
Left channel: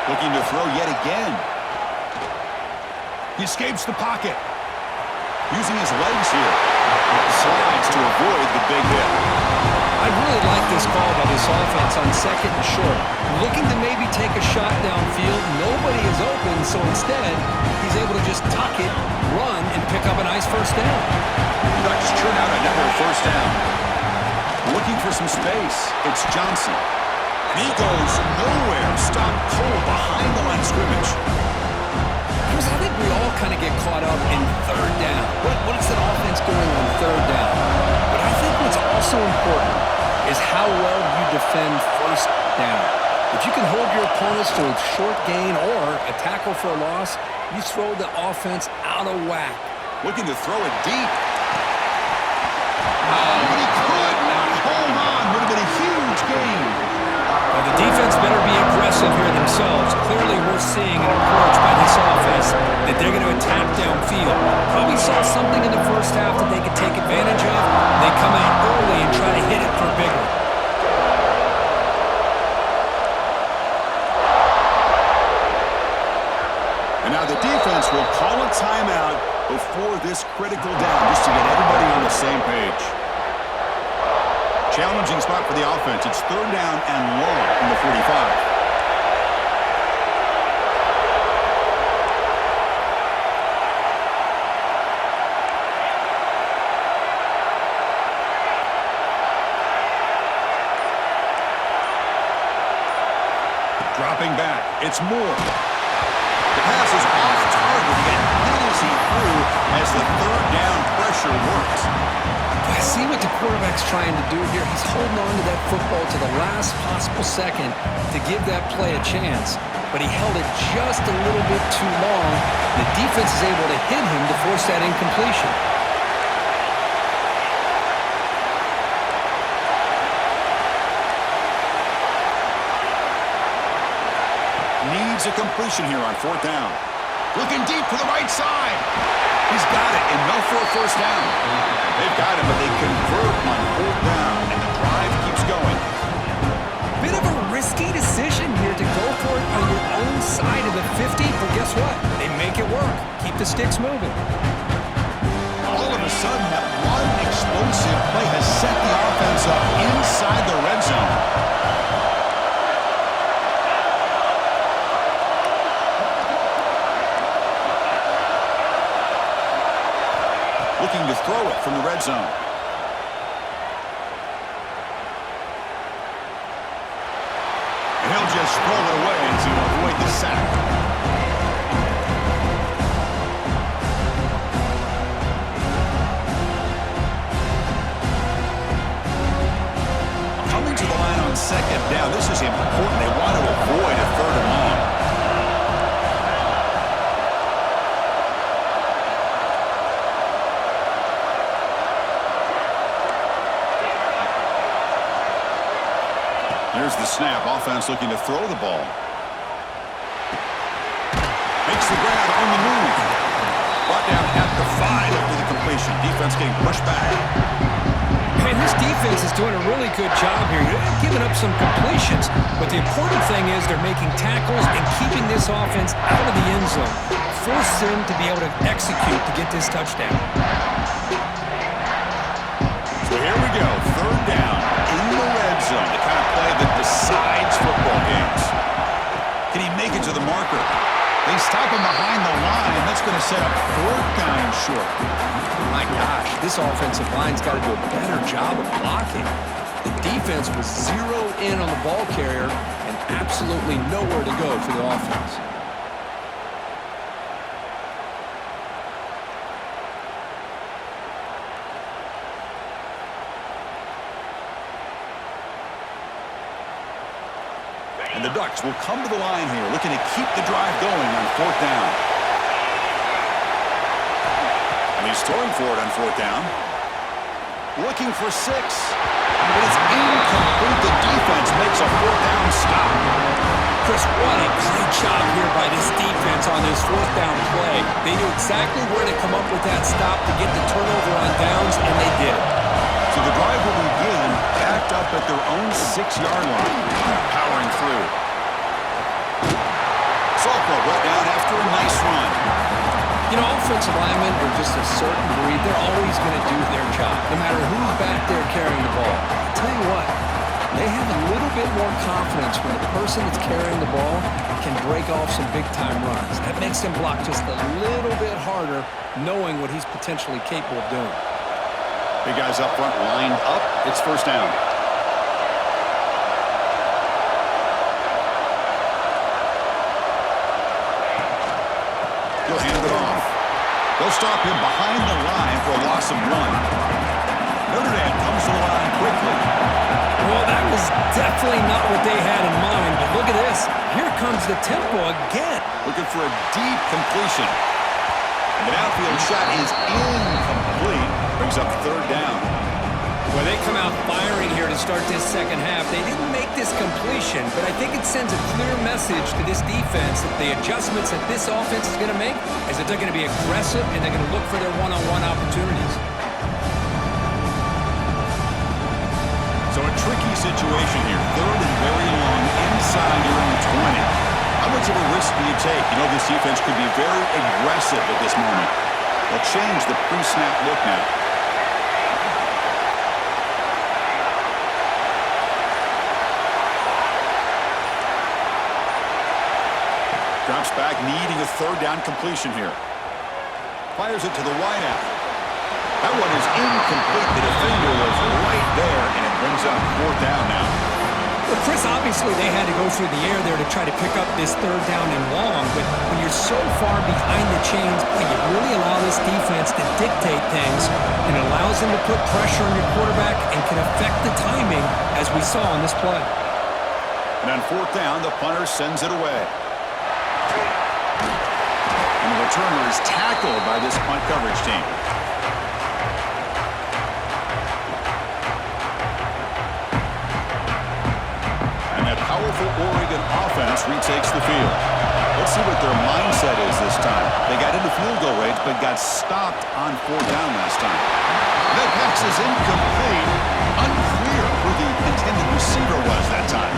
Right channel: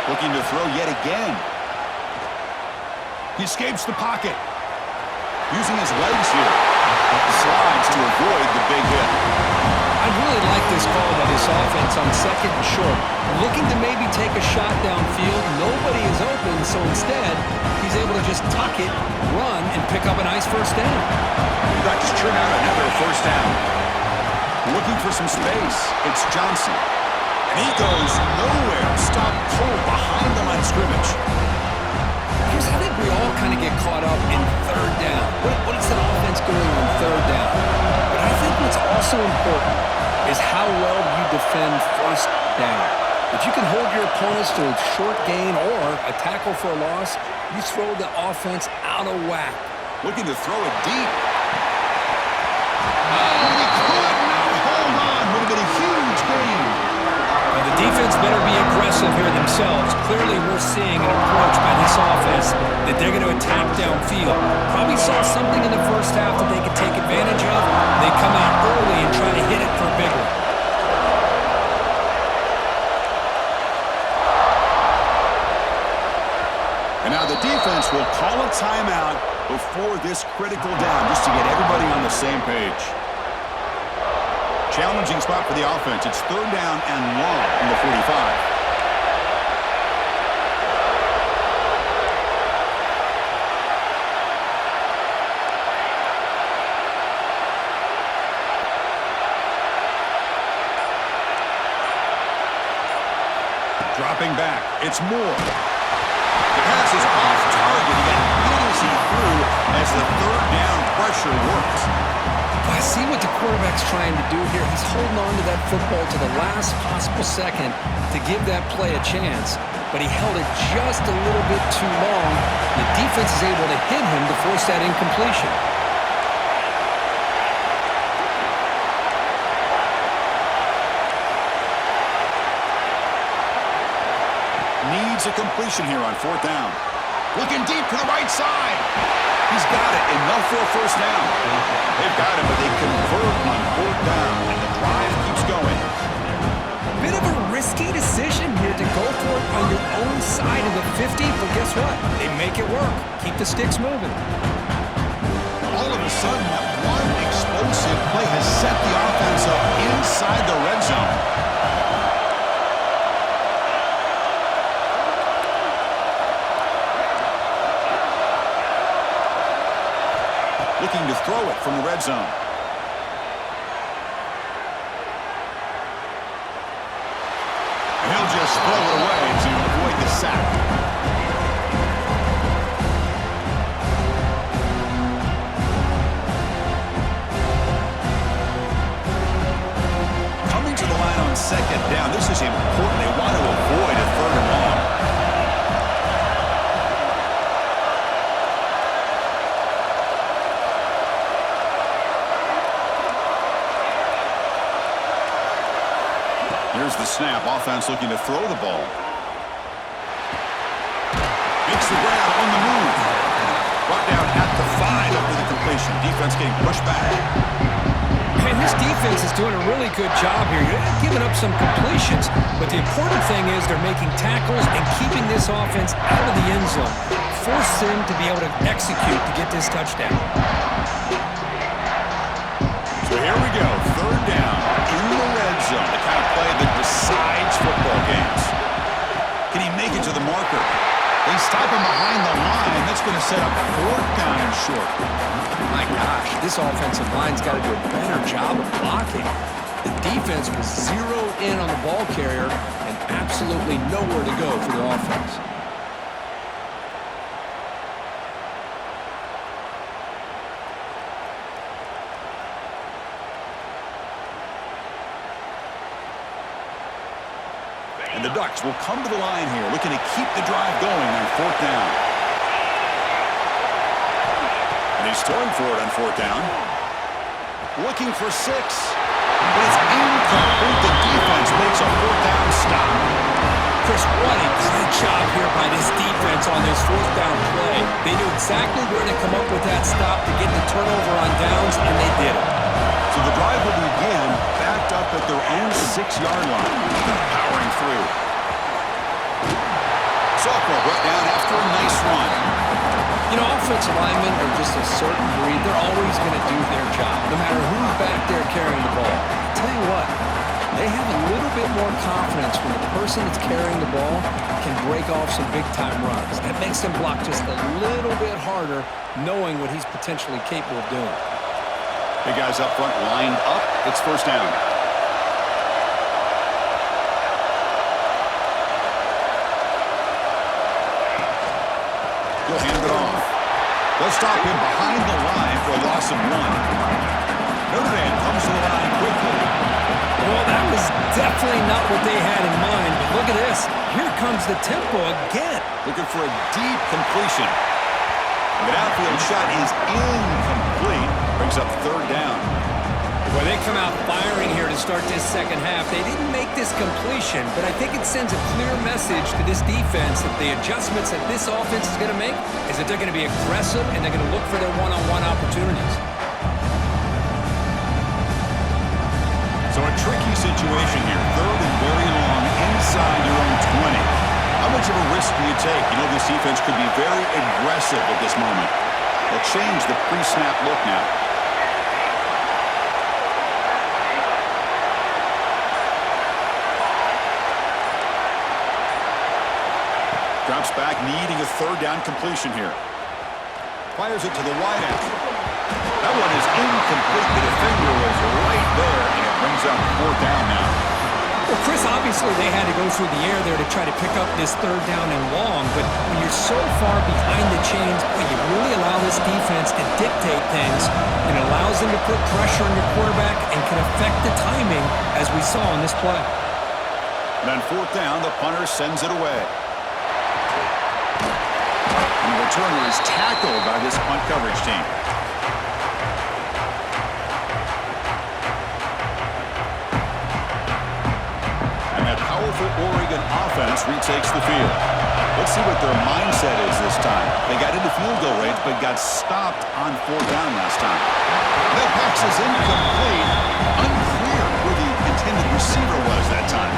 Looking to throw yet again. He escapes the pocket. Using his legs here. Slides to avoid the big hit. I really like this call by this offense on 2nd and short. Looking to maybe take a shot downfield. Nobody is open, so instead, he's able to just tuck it, run, and pick up a nice 1st down. The Ducks churn out another 1st down. Looking for some space. It's Johnson. And he goes nowhere. Stopped cold behind the line of scrimmage. I think we all kind of get caught up in 3rd down. What is that offense doing on 3rd down? But I think what's also important is how well you defend 1st down. If you can hold your opponents to a short gain or a tackle for a loss, you throw the offense out of whack. Looking to throw it deep. Oh, but he could not hold on. Would have been a huge gain. Now the defense better be aggressive here themselves. Clearly we're seeing an approach by this offense that they're going to attack downfield. Probably saw something in the 1st half that they could take advantage of. They come out early and try to hit it for a big one. And now the defense will call a timeout before this critical down, just to get everybody on the same page. Challenging spot for the offense. It's third down and long from the 45. Dropping back, it's Moore. The pass is off target. He got hit as he threw as the third down pressure works. I see what the quarterback's trying to do here. He's holding on to that football to the last possible second to give that play a chance. But he held it just a little bit too long. The defense is able to hit him to force that incompletion. Needs a completion here on fourth down. Looking deep to the right side. He's got it. Enough for a first down. They've got him, but they convert on fourth down, and the drive keeps going. Bit of a risky decision here to go for it on your own side of the 50, but guess what? They make it work. Keep the sticks moving. All of a sudden, that one explosive play has set the offense up inside the red zone. Looking to throw it from the red zone. And he'll just throw it away to avoid the sack. Coming to the line on second down. This is important. They want to avoid a third and long. Here's the snap. Offense looking to throw the ball. Makes the grab on the move. Brought down at the 5 after the completion. Defense getting pushed back. Man, this defense is doing a really good job here. You're giving up some completions, but the important thing is they're making tackles and keeping this offense out of the end zone. Force them to be able to execute to get this touchdown. So here we go. Third down in the red zone. The kind of play that decides football games. Can he make it to the marker? They stop him behind the line. That's going to set up fourth down and short. My gosh, this offensive line's got to do a better job of blocking. The defense was zeroed in on the ball carrier and absolutely nowhere to go for the offense. And the Ducks will come to the line here, looking to keep the drive going on fourth down. And he's throwing for it on fourth down. Looking for 6. But it's incomplete. The defense makes a fourth down stop. Chris, what a great job here by this defense on this fourth down play. They knew exactly where to come up with that stop to get the turnover on downs, and they did it. So the drive will begin backed up at their own 6-yard line. Powering through. Sophomore brought down after a nice run. You know, offensive linemen are just a certain breed. They're always going to do their job, no matter who's back there carrying the ball. I'll tell you what, they have a little bit more confidence when the person that's carrying the ball can break off some big-time runs. That makes them block just a little bit harder, knowing what he's potentially capable of doing. Big guys up front lined up. It's first down. He'll hand it off. They'll stop him behind the line for a loss of 1. Notre Dame comes to the line quickly. Well, that was definitely not what they had in mind, but look at this. Here comes the tempo again. Looking for a deep completion. And the downfield shot is incomplete. Brings up third down. Well, they come out firing here to start this second half. They didn't make this completion, but I think it sends a clear message to this defense that the adjustments that this offense is going to make is that they're going to be aggressive and they're going to look for their one-on-one opportunities. So a tricky situation here. Third and very long inside your own 20. How much of a risk do you take? You know this defense could be very aggressive at this moment. They'll change the pre-snap look now. Drops back, needing a third down completion here. Fires it to the wideout. That one is incomplete. The defender was right there, and it brings up fourth down now. Well, Chris, obviously they had to go through the air there to try to pick up this third down and long, but when you're so far behind the chains, boy, you really allow this defense to dictate things, and it allows them to put pressure on your quarterback and can affect the timing, as we saw on this play. And on fourth down, the punter sends it away. And the returner is tackled by this punt coverage team. And that powerful Oregon offense retakes the field. Let's see what their mindset is this time. They got into field goal range, but got stopped on fourth down last time. That pass is incomplete. Unclear who the intended receiver was that time.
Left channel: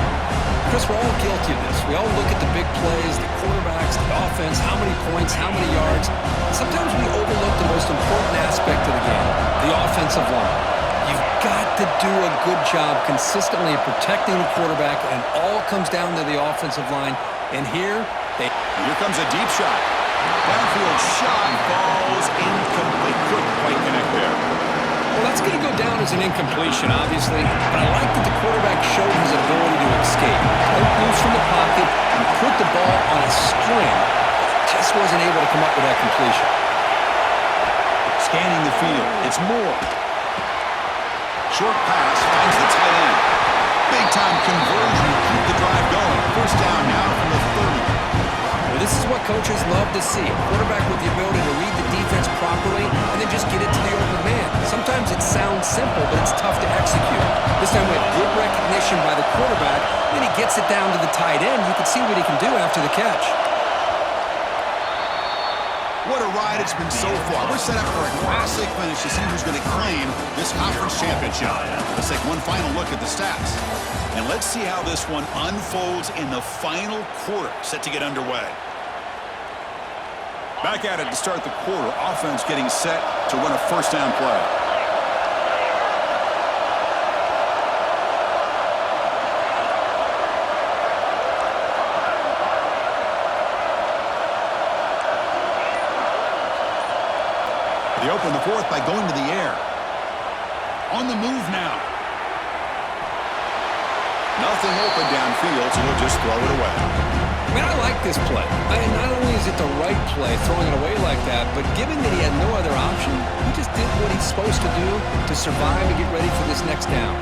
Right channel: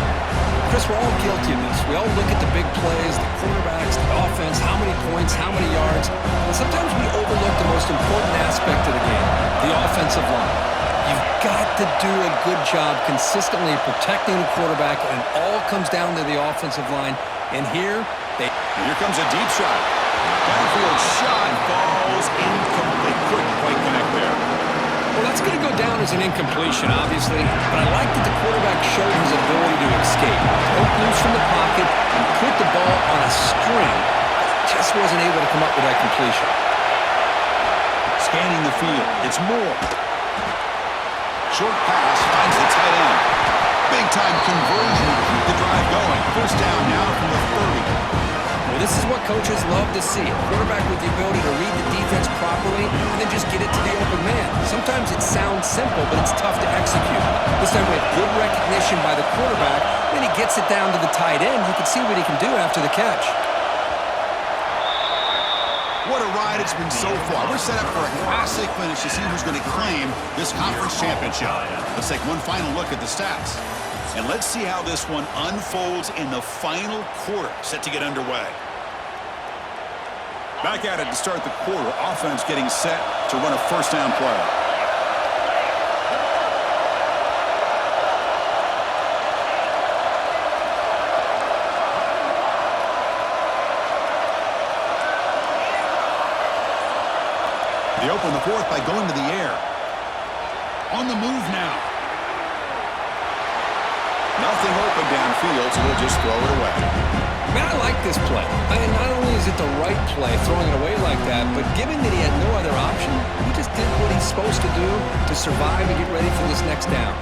Chris, we're all guilty of this. We all look at the big plays, the quarterbacks, the offense, how many points, how many yards. And sometimes we overlook the most important aspect of the game, the offensive line. You've got to do a good job consistently protecting the quarterback, and it all comes down to the offensive line. And here comes a deep shot. Downfield shot falls incomplete. Couldn't quite connect there. Well, that's going to go down as an incompletion, obviously, but I like that the quarterback showed his ability to escape, broke loose from the pocket, and put the ball on a string, but just wasn't able to come up with that completion. Scanning the field, it's Moore. Short pass finds the tight end. Big-time conversion to keep the drive going. First down now from the 30. Well, this is what coaches love to see. A quarterback with the ability to read the defense properly and then just get it to the open man. Sometimes it sounds simple, but it's tough to execute. This time with good recognition by the quarterback, then he gets it down to the tight end. You can see what he can do after the catch. What a ride it's been so far. We're set up for a classic finish to see who's going to claim this conference championship. Let's take one final look at the stats. And let's see how this one unfolds in the final quarter, set to get underway. Back at it to start the quarter. Offense getting set to run a first down play. They open the fourth by going to the air. On the move now. Nothing open downfield, so we'll just throw it away. Man, I like this play. Not only is it the right play, throwing it away like that, but given that he had no other option, he just did what he's supposed to do to survive and get ready for this next down.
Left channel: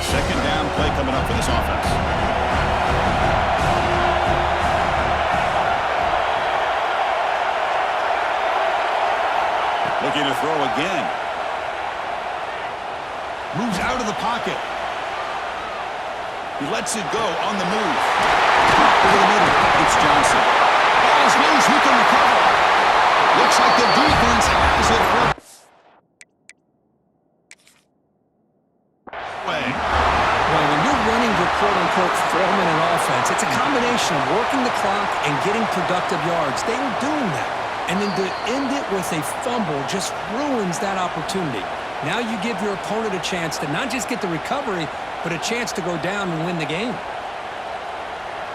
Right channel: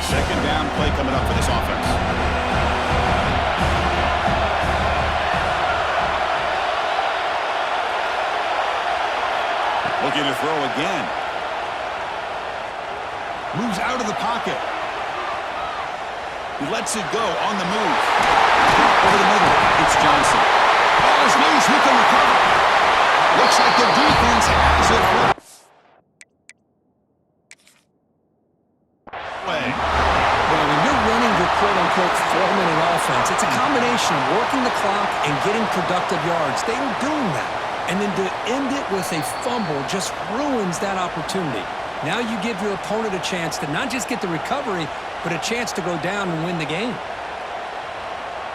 Second down play coming up for this offense. Looking to throw again. Moves out of the pocket. He lets it go on the move. Over the middle. It's Johnson. Ball is loose. Who can recover? Looks like the defense has it. Well, when you're running your quote-unquote 4-minute offense, it's a combination of working the clock and getting productive yards. They were doing that. And then to end it with a fumble just ruins that opportunity. Now you give your opponent a chance to not just get the recovery, but a chance to go down and win the game.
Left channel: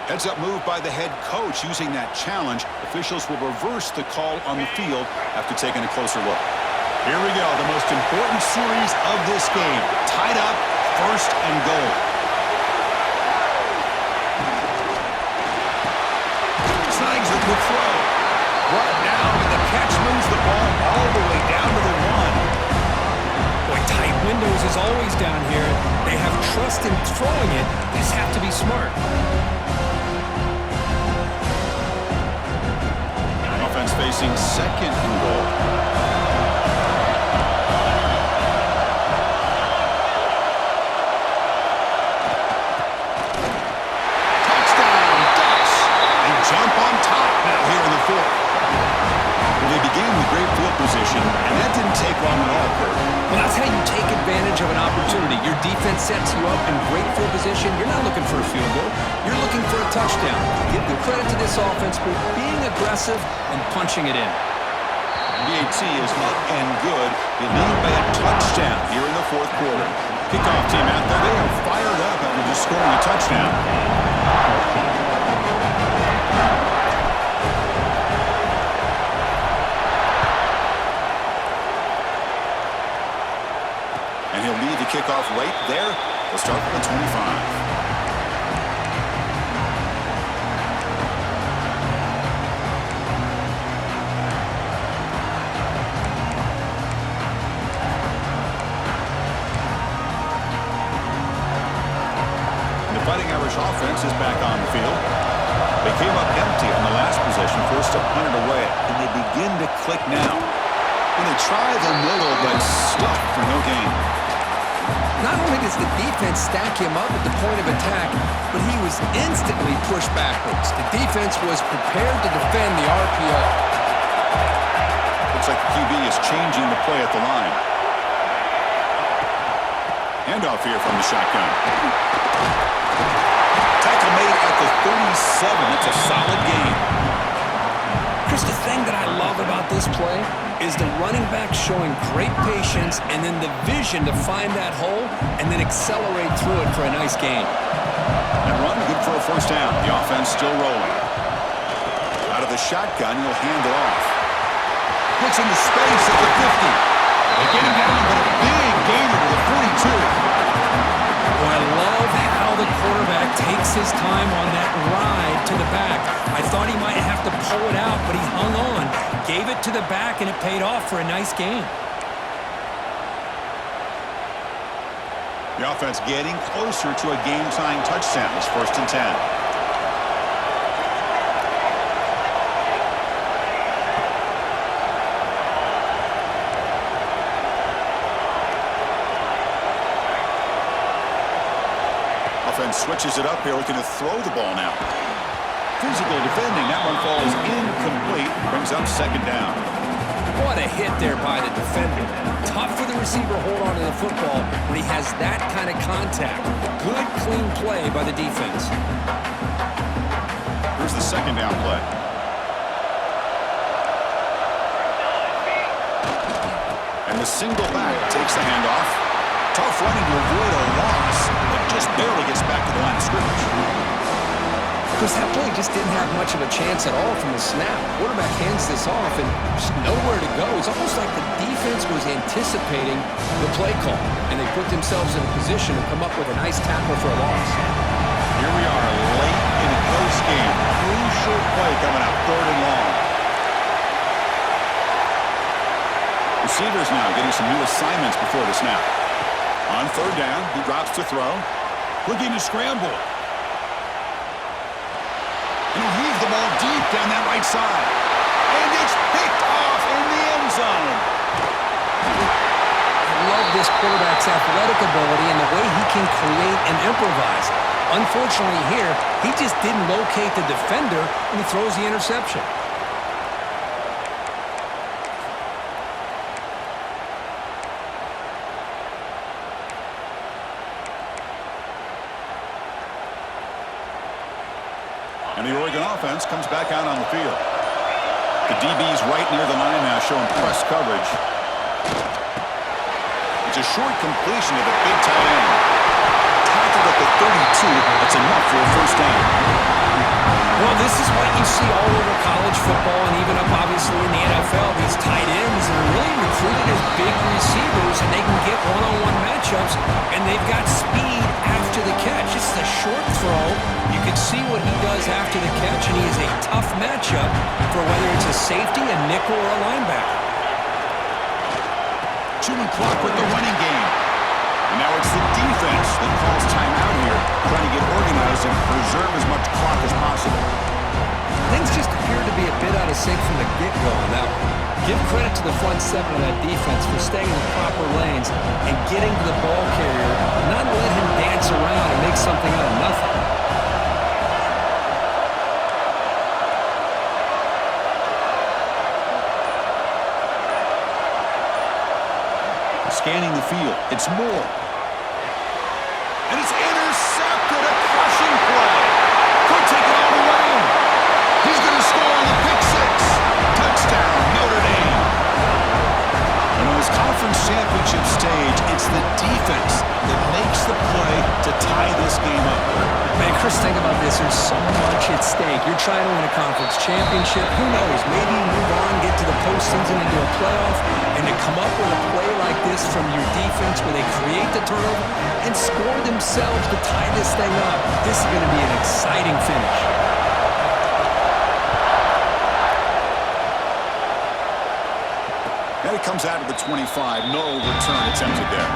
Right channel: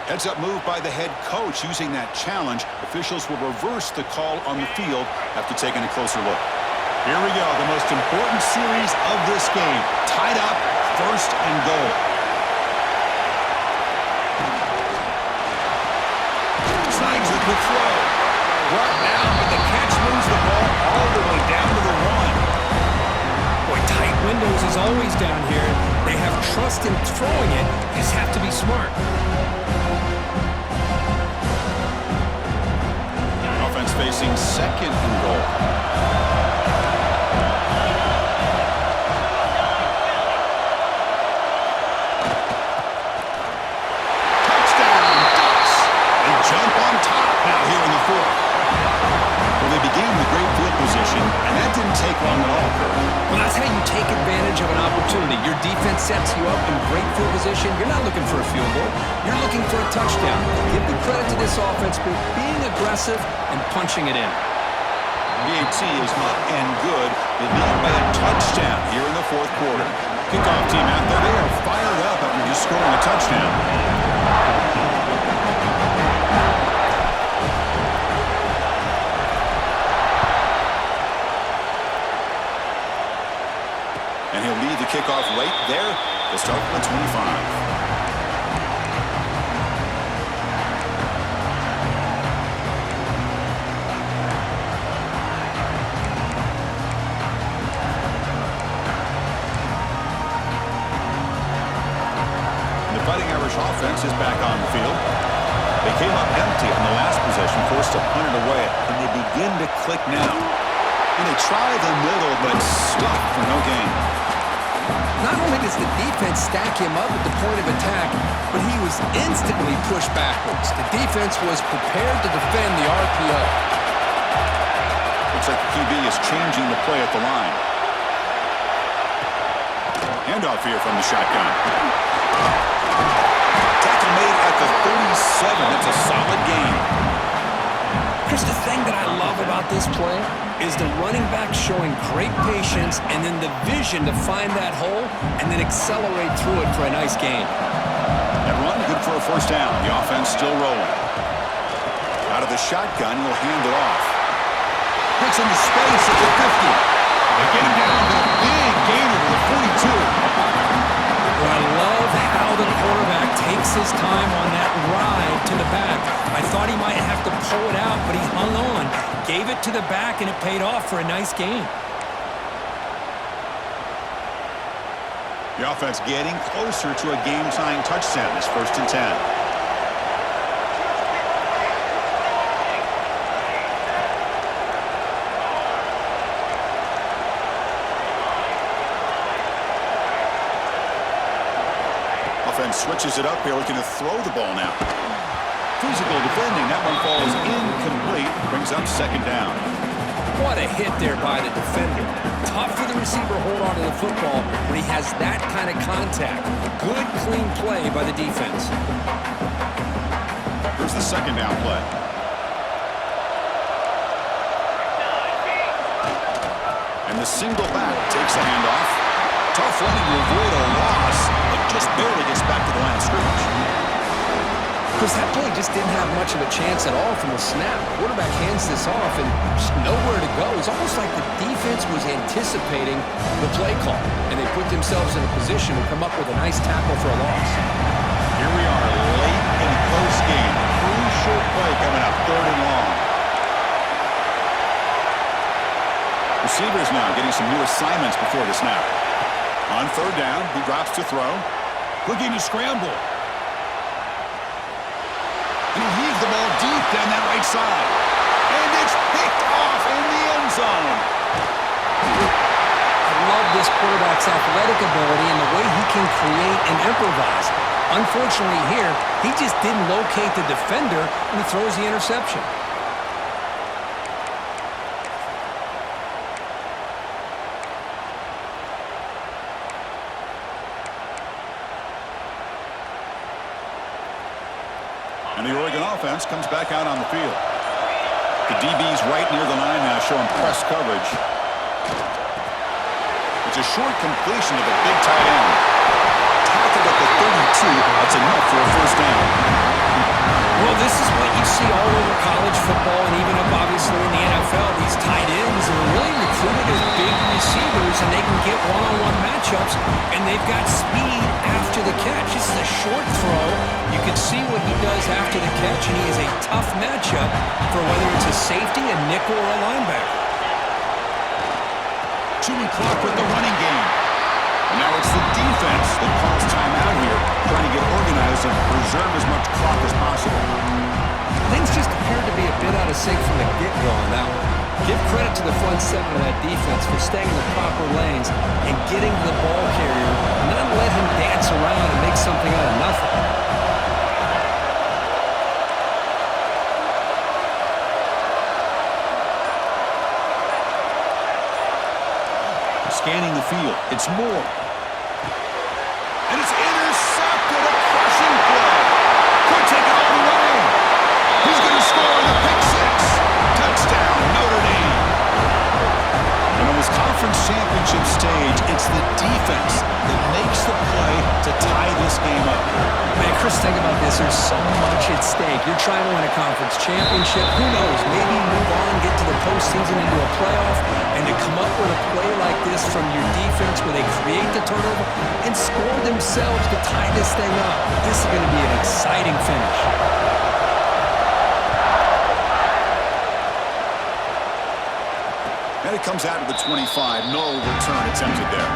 Heads-up move by the head coach using that challenge. Officials will reverse the call on the field after taking a closer look. Here we go, the most important series of this game. Tied up, first and goal. Snags the quick throw. Brought down, but the catch moves the ball all the way down to the 1. Boy, tight windows is always down here. They have trust in throwing it. They just have to be smart. Offense facing second and goal. Touchdown, Ducks. They jump on top now here in the fourth. Well, they began with great field position, and that didn't take long at all, Kurt. Well, that's how you take advantage of an opportunity. Your defense sets you up in great field position. You're not looking for a field goal. You're looking for a touchdown. Give the credit to this offense for being aggressive and punching it in. BAT is up and good. They lead by a touchdown here in the fourth quarter. Kickoff team out there. They are fired up after just scoring a touchdown. And he'll lead the kickoff right there. They'll start from the 25. Fighting Irish offense is back on the field. They came up empty on the last possession, forced to punt it away, and they begin to click now. And they try the middle, but stuck for no gain. Not only does the defense stack him up at the point of attack, but he was instantly pushed backwards. The defense was prepared to defend the RPO. Looks like the QB is changing the play at the line. Handoff here from the shotgun. Tackle made at the 37. That's a solid gain. Chris, the thing that I love about this play is the running back showing great patience and then the vision to find that hole and then accelerate through it for a nice gain. That run, good for a first down. The offense still rolling. Out of the shotgun, he'll hand it off. Gets into space at the 50. They get him down, but a big gainer to the 42. Well, I love how the quarterback takes his time on that ride to the back. I thought he might have to pull it out, but he hung on, gave it to the back, and it paid off for a nice gain. The offense getting closer to a game-tying touchdown. This 1st and 10. Offense switches it up here, looking to throw the ball now. Physical defending. That one falls incomplete. Brings up 2nd down. What a hit there by the defender. Tough for the receiver to hold on to the football when he has that kind of contact. Good, clean play by the defense. Here's the 2nd down play. And the single back takes the handoff. Tough running to avoid a loss, but just barely gets back to the line of scrimmage. Chris, that play just didn't have much of a chance at all from the snap. Quarterback hands this off and just nowhere to go. It's almost like the defense was anticipating the play call, and they put themselves in a position to come up with a nice tackle for a loss. Here we are late in a close game. Crucial play coming up, 3rd and long. Receivers now getting some new assignments before the snap. On 3rd down, he drops to throw. Looking to scramble. And he'll heave the ball deep down that right side. And it's picked off in the end zone. I love this quarterback's athletic ability and the way he can create and improvise. Unfortunately here, he just didn't locate the defender and he throws the interception. And the Oregon offense comes back out on the field. The DB's right near the line now, showing press coverage. It's a short completion to the big tight end. Tackled at the 32. That's enough for a first down. Well, this is what you see all over college football and even up, obviously, in the NFL. These tight ends are really recruited as big receivers, and they can get one-on-one matchups, and they've got speed after the catch. This is a short throw. You can see what he does after the catch, and he is a tough matchup for whether it's a safety, a nickel, or a linebacker. Chewing clock with the running game. And now it's the defense that calls timeout here, trying to get organized and preserve as much clock as possible. Things just appeared to be a bit out of sync from the get-go on that one. Give credit to the front 7 of that defense for staying in the proper lanes and getting to the ball carrier, not let him dance around and make something out of nothing. Scanning the field. It's Moore. And it's intercepted. A crushing play. Could take it all the way. He's going to score on the pick six. Touchdown, Notre Dame. And on this conference championship stage, it's the defense that makes the play to tie this game up. Man, Chris, think about this. There's so much at stake. You're trying to win a conference championship. Who knows? Maybe move on, get to the postseason, into a playoff, and to come up with a play like this from your defense where they create the turnover and score themselves to tie this thing up. This is going to be an exciting finish. And it comes out to the 25. No return attempted there.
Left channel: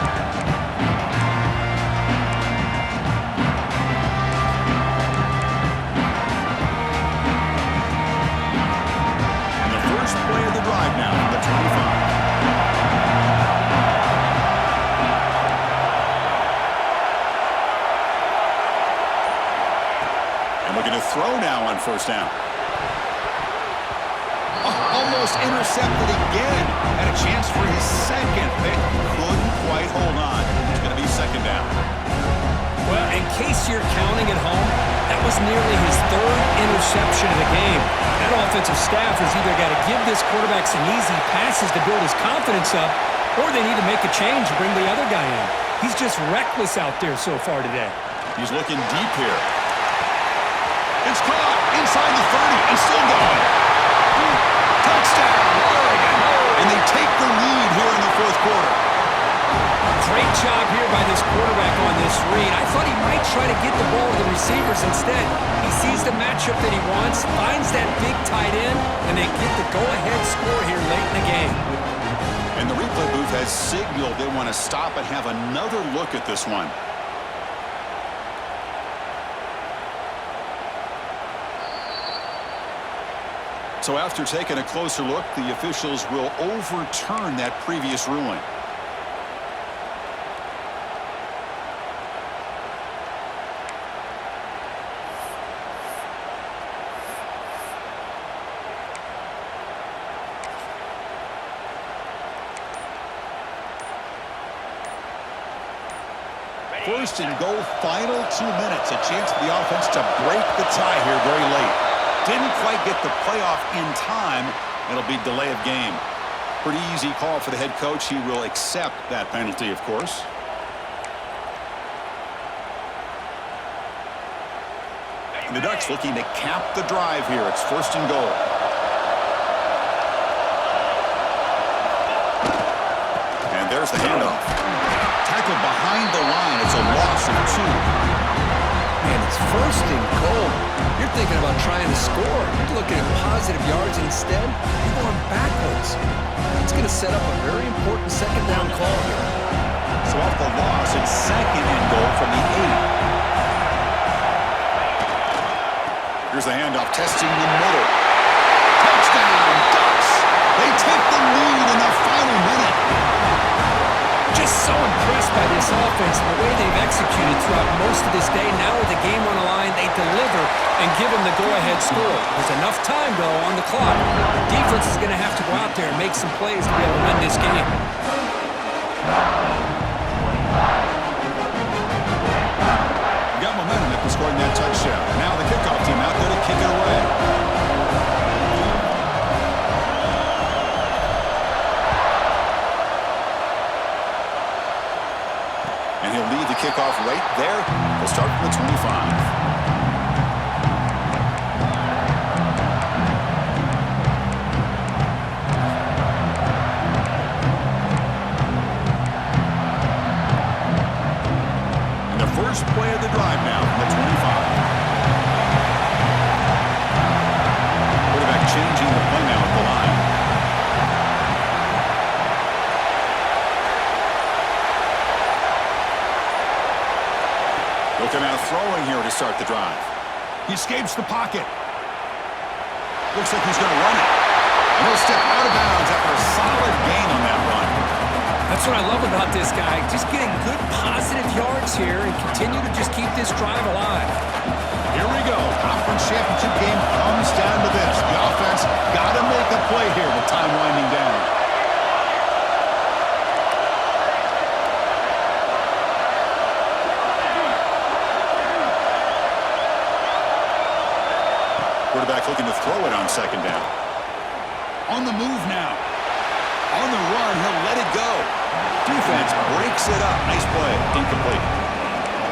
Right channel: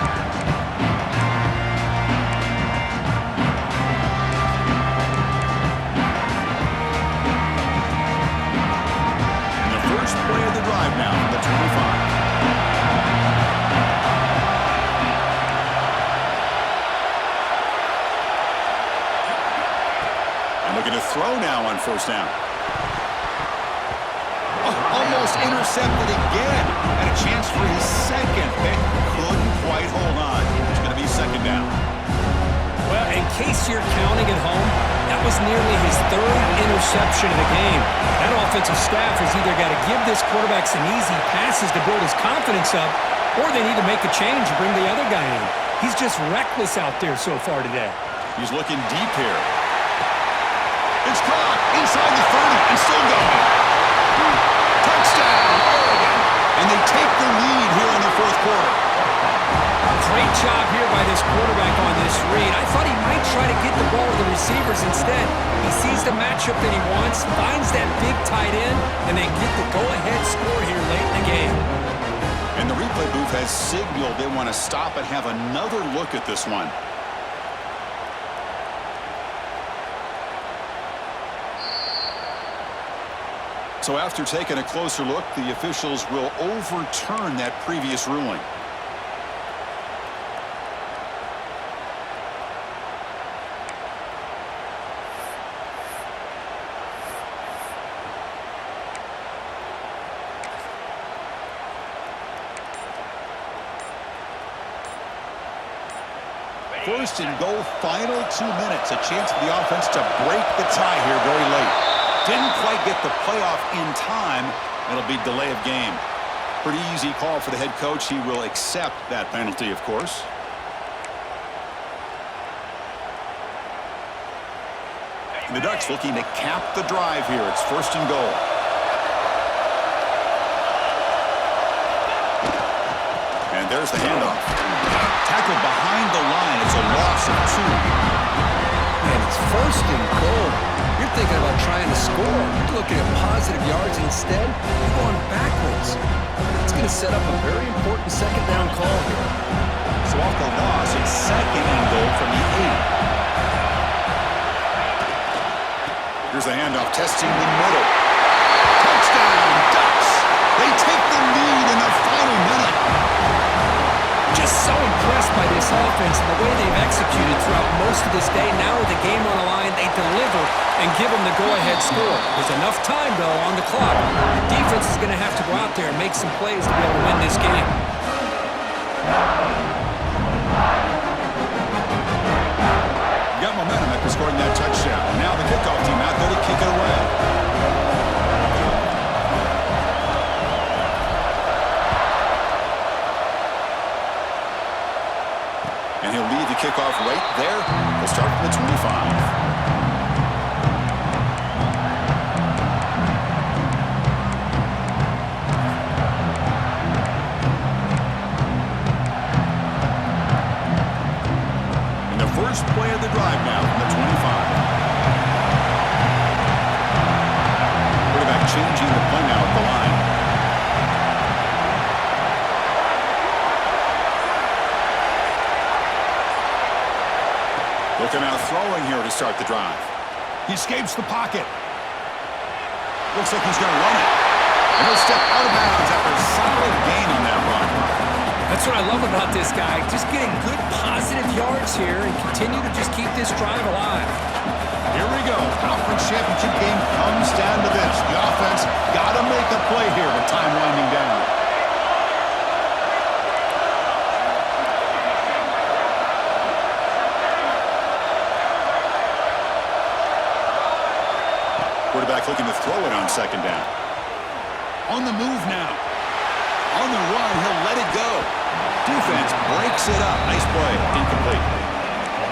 And the first play of the drive now on the 25. And looking to throw now on first down. Almost intercepted again. Had a chance for his second. They couldn't quite hold on. It's going to be second down. Well, in case you're counting at home, that was nearly his third interception of the game. That offensive staff has either got to give this quarterback some easy passes to build his confidence up, or they need to make a change and bring the other guy in. He's just reckless out there so far today. He's looking deep here. It's caught inside the 30 and still going. Touchdown, Oregon. And they take the lead here in the fourth quarter. Great job here by this quarterback on this read. I thought he might try to get the ball to the receivers instead. He sees the matchup that he wants, finds that big tight end, and they get the go-ahead score here late in the game. And the replay booth has signaled they want to stop and have another look at this one. So after taking a closer look, the officials will overturn that previous ruling. First and goal, final 2 minutes. A chance for the offense to break the tie here very late. Didn't quite get the playoff in time. It'll be delay of game. Pretty easy call for the head coach. He will accept that penalty, of course. And the Ducks looking to cap the drive here. It's first and goal. And there's the handoff. Tackled behind the line. It's a loss of 2. Man, it's first and goal. You're thinking about trying to score. You're looking at positive yards instead. You're going backwards. It's going to set up a very important second down call here. So off the loss, it's second and goal from the 8. Here's the handoff, testing the middle. Touchdown, Ducks! They take the lead in the final minute. Just so impressed by this offense and the way they've executed throughout most of this day. Now with the game on the line, they deliver and give them the go-ahead score. There's enough time, though, on the clock. The defense is going to have to go out there and make some plays to be able to win this game. Got momentum after scoring that touchdown. Now the kickoff team out there to kick it away. And he'll lead the kickoff right there. They'll start from the 25. And the first play of the drive now from the 25. Quarterback changing the play now at the line. Looking out throwing here to start the drive. He escapes the pocket. Looks like he's going to run it. And he'll step out of bounds after a solid gain on that run. That's what I love about this guy. Just getting good positive yards here and continue to just keep this drive alive. Here we go. Conference championship game comes down to this. The offense got to make a play here with time winding down. quarterback looking to throw it on second down. On the move now. On the run, he'll let it go. Defense breaks it up. Nice play. Incomplete.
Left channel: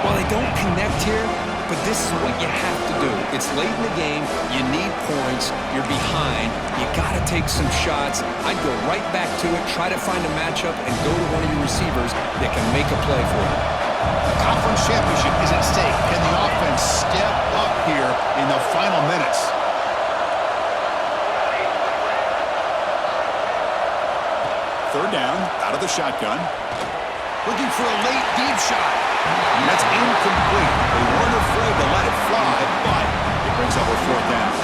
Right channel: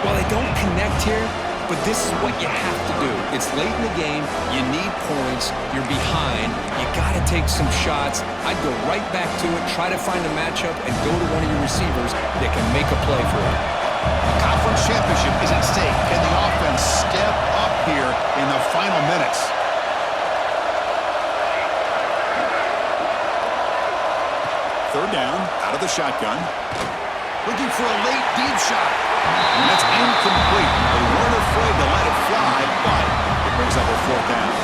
Well, they don't connect here, but this is what you have to do. It's late in the game. You need points. You're behind. You got to take some shots. I'd go right back to it, try to find a matchup, and go to one of your receivers that can make a play for you. The conference championship is at stake. Can the offense step up here in the final minutes? Third down, out of the shotgun. Looking for a late deep shot. And that's incomplete. They weren't afraid to let it fly, but it brings up a fourth down.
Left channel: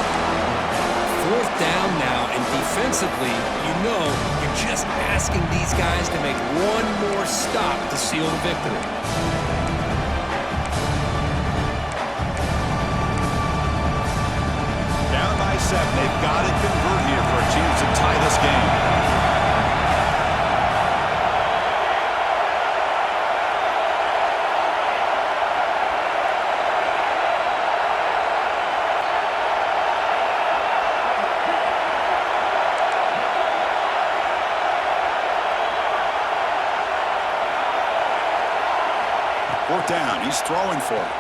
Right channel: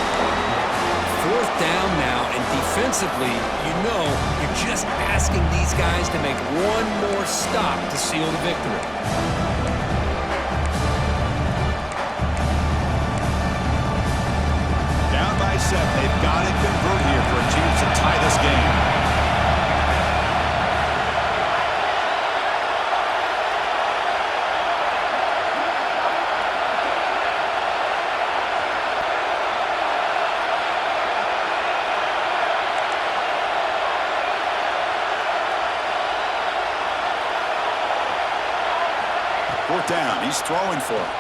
Fourth down now, and defensively, you're just asking these guys to make one more stop to seal the victory. Down by 7. They've got to convert here for a chance to tie this game. Fourth down. He's throwing for it.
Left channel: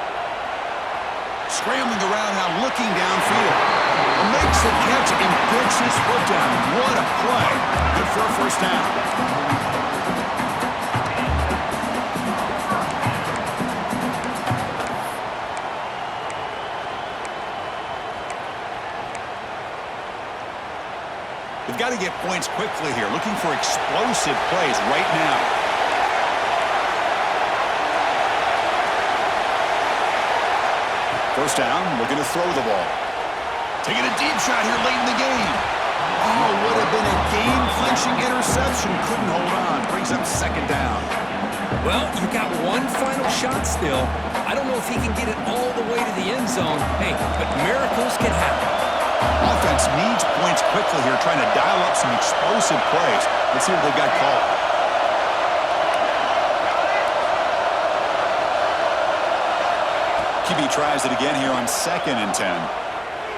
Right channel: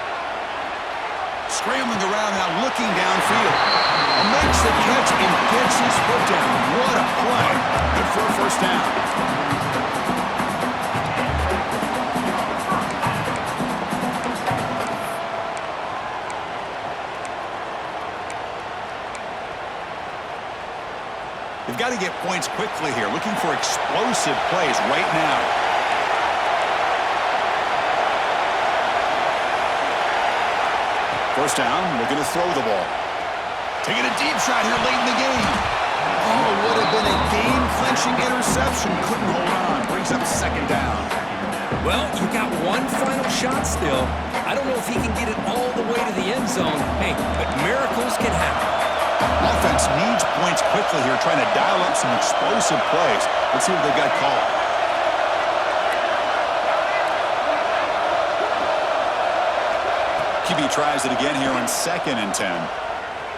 Scrambling around now, looking downfield. Makes the catch and gets his foot down. What a play. Good for a first down. They've got to get points quickly here. Looking for explosive plays right now. First down, looking to throw the ball. Taking a deep shot here late in the game. Oh, would have been a game-clinching interception. Couldn't hold on. Brings up second down. Well, you got one final shot still. I don't know if he can get it all the way to the end zone. Hey, but miracles can happen. Offense needs points quickly here, trying to dial up some explosive plays. Let's see what they've got called. QB tries it again here on 2nd and 10.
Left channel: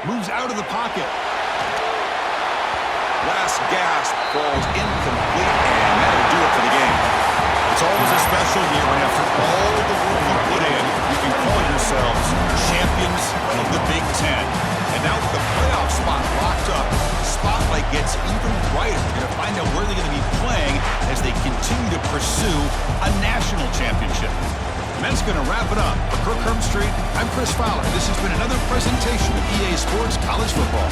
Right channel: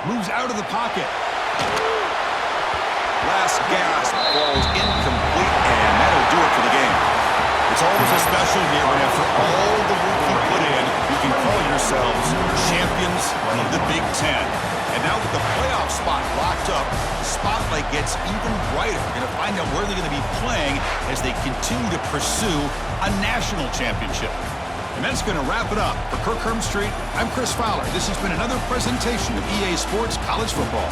Moves out of the pocket. Last gasp falls incomplete, and that'll do it for the game. It's always a special year when after all the work you put in, you can call yourselves champions of the Big Ten. And now with the playoff spot locked up, the spotlight gets even brighter. We're going to find out where they're going to be playing as they continue to pursue a national championship. And that's going to wrap it up. For Kirk Herbstreit, I'm Chris Fowler. This has been another presentation of EA Sports College Football.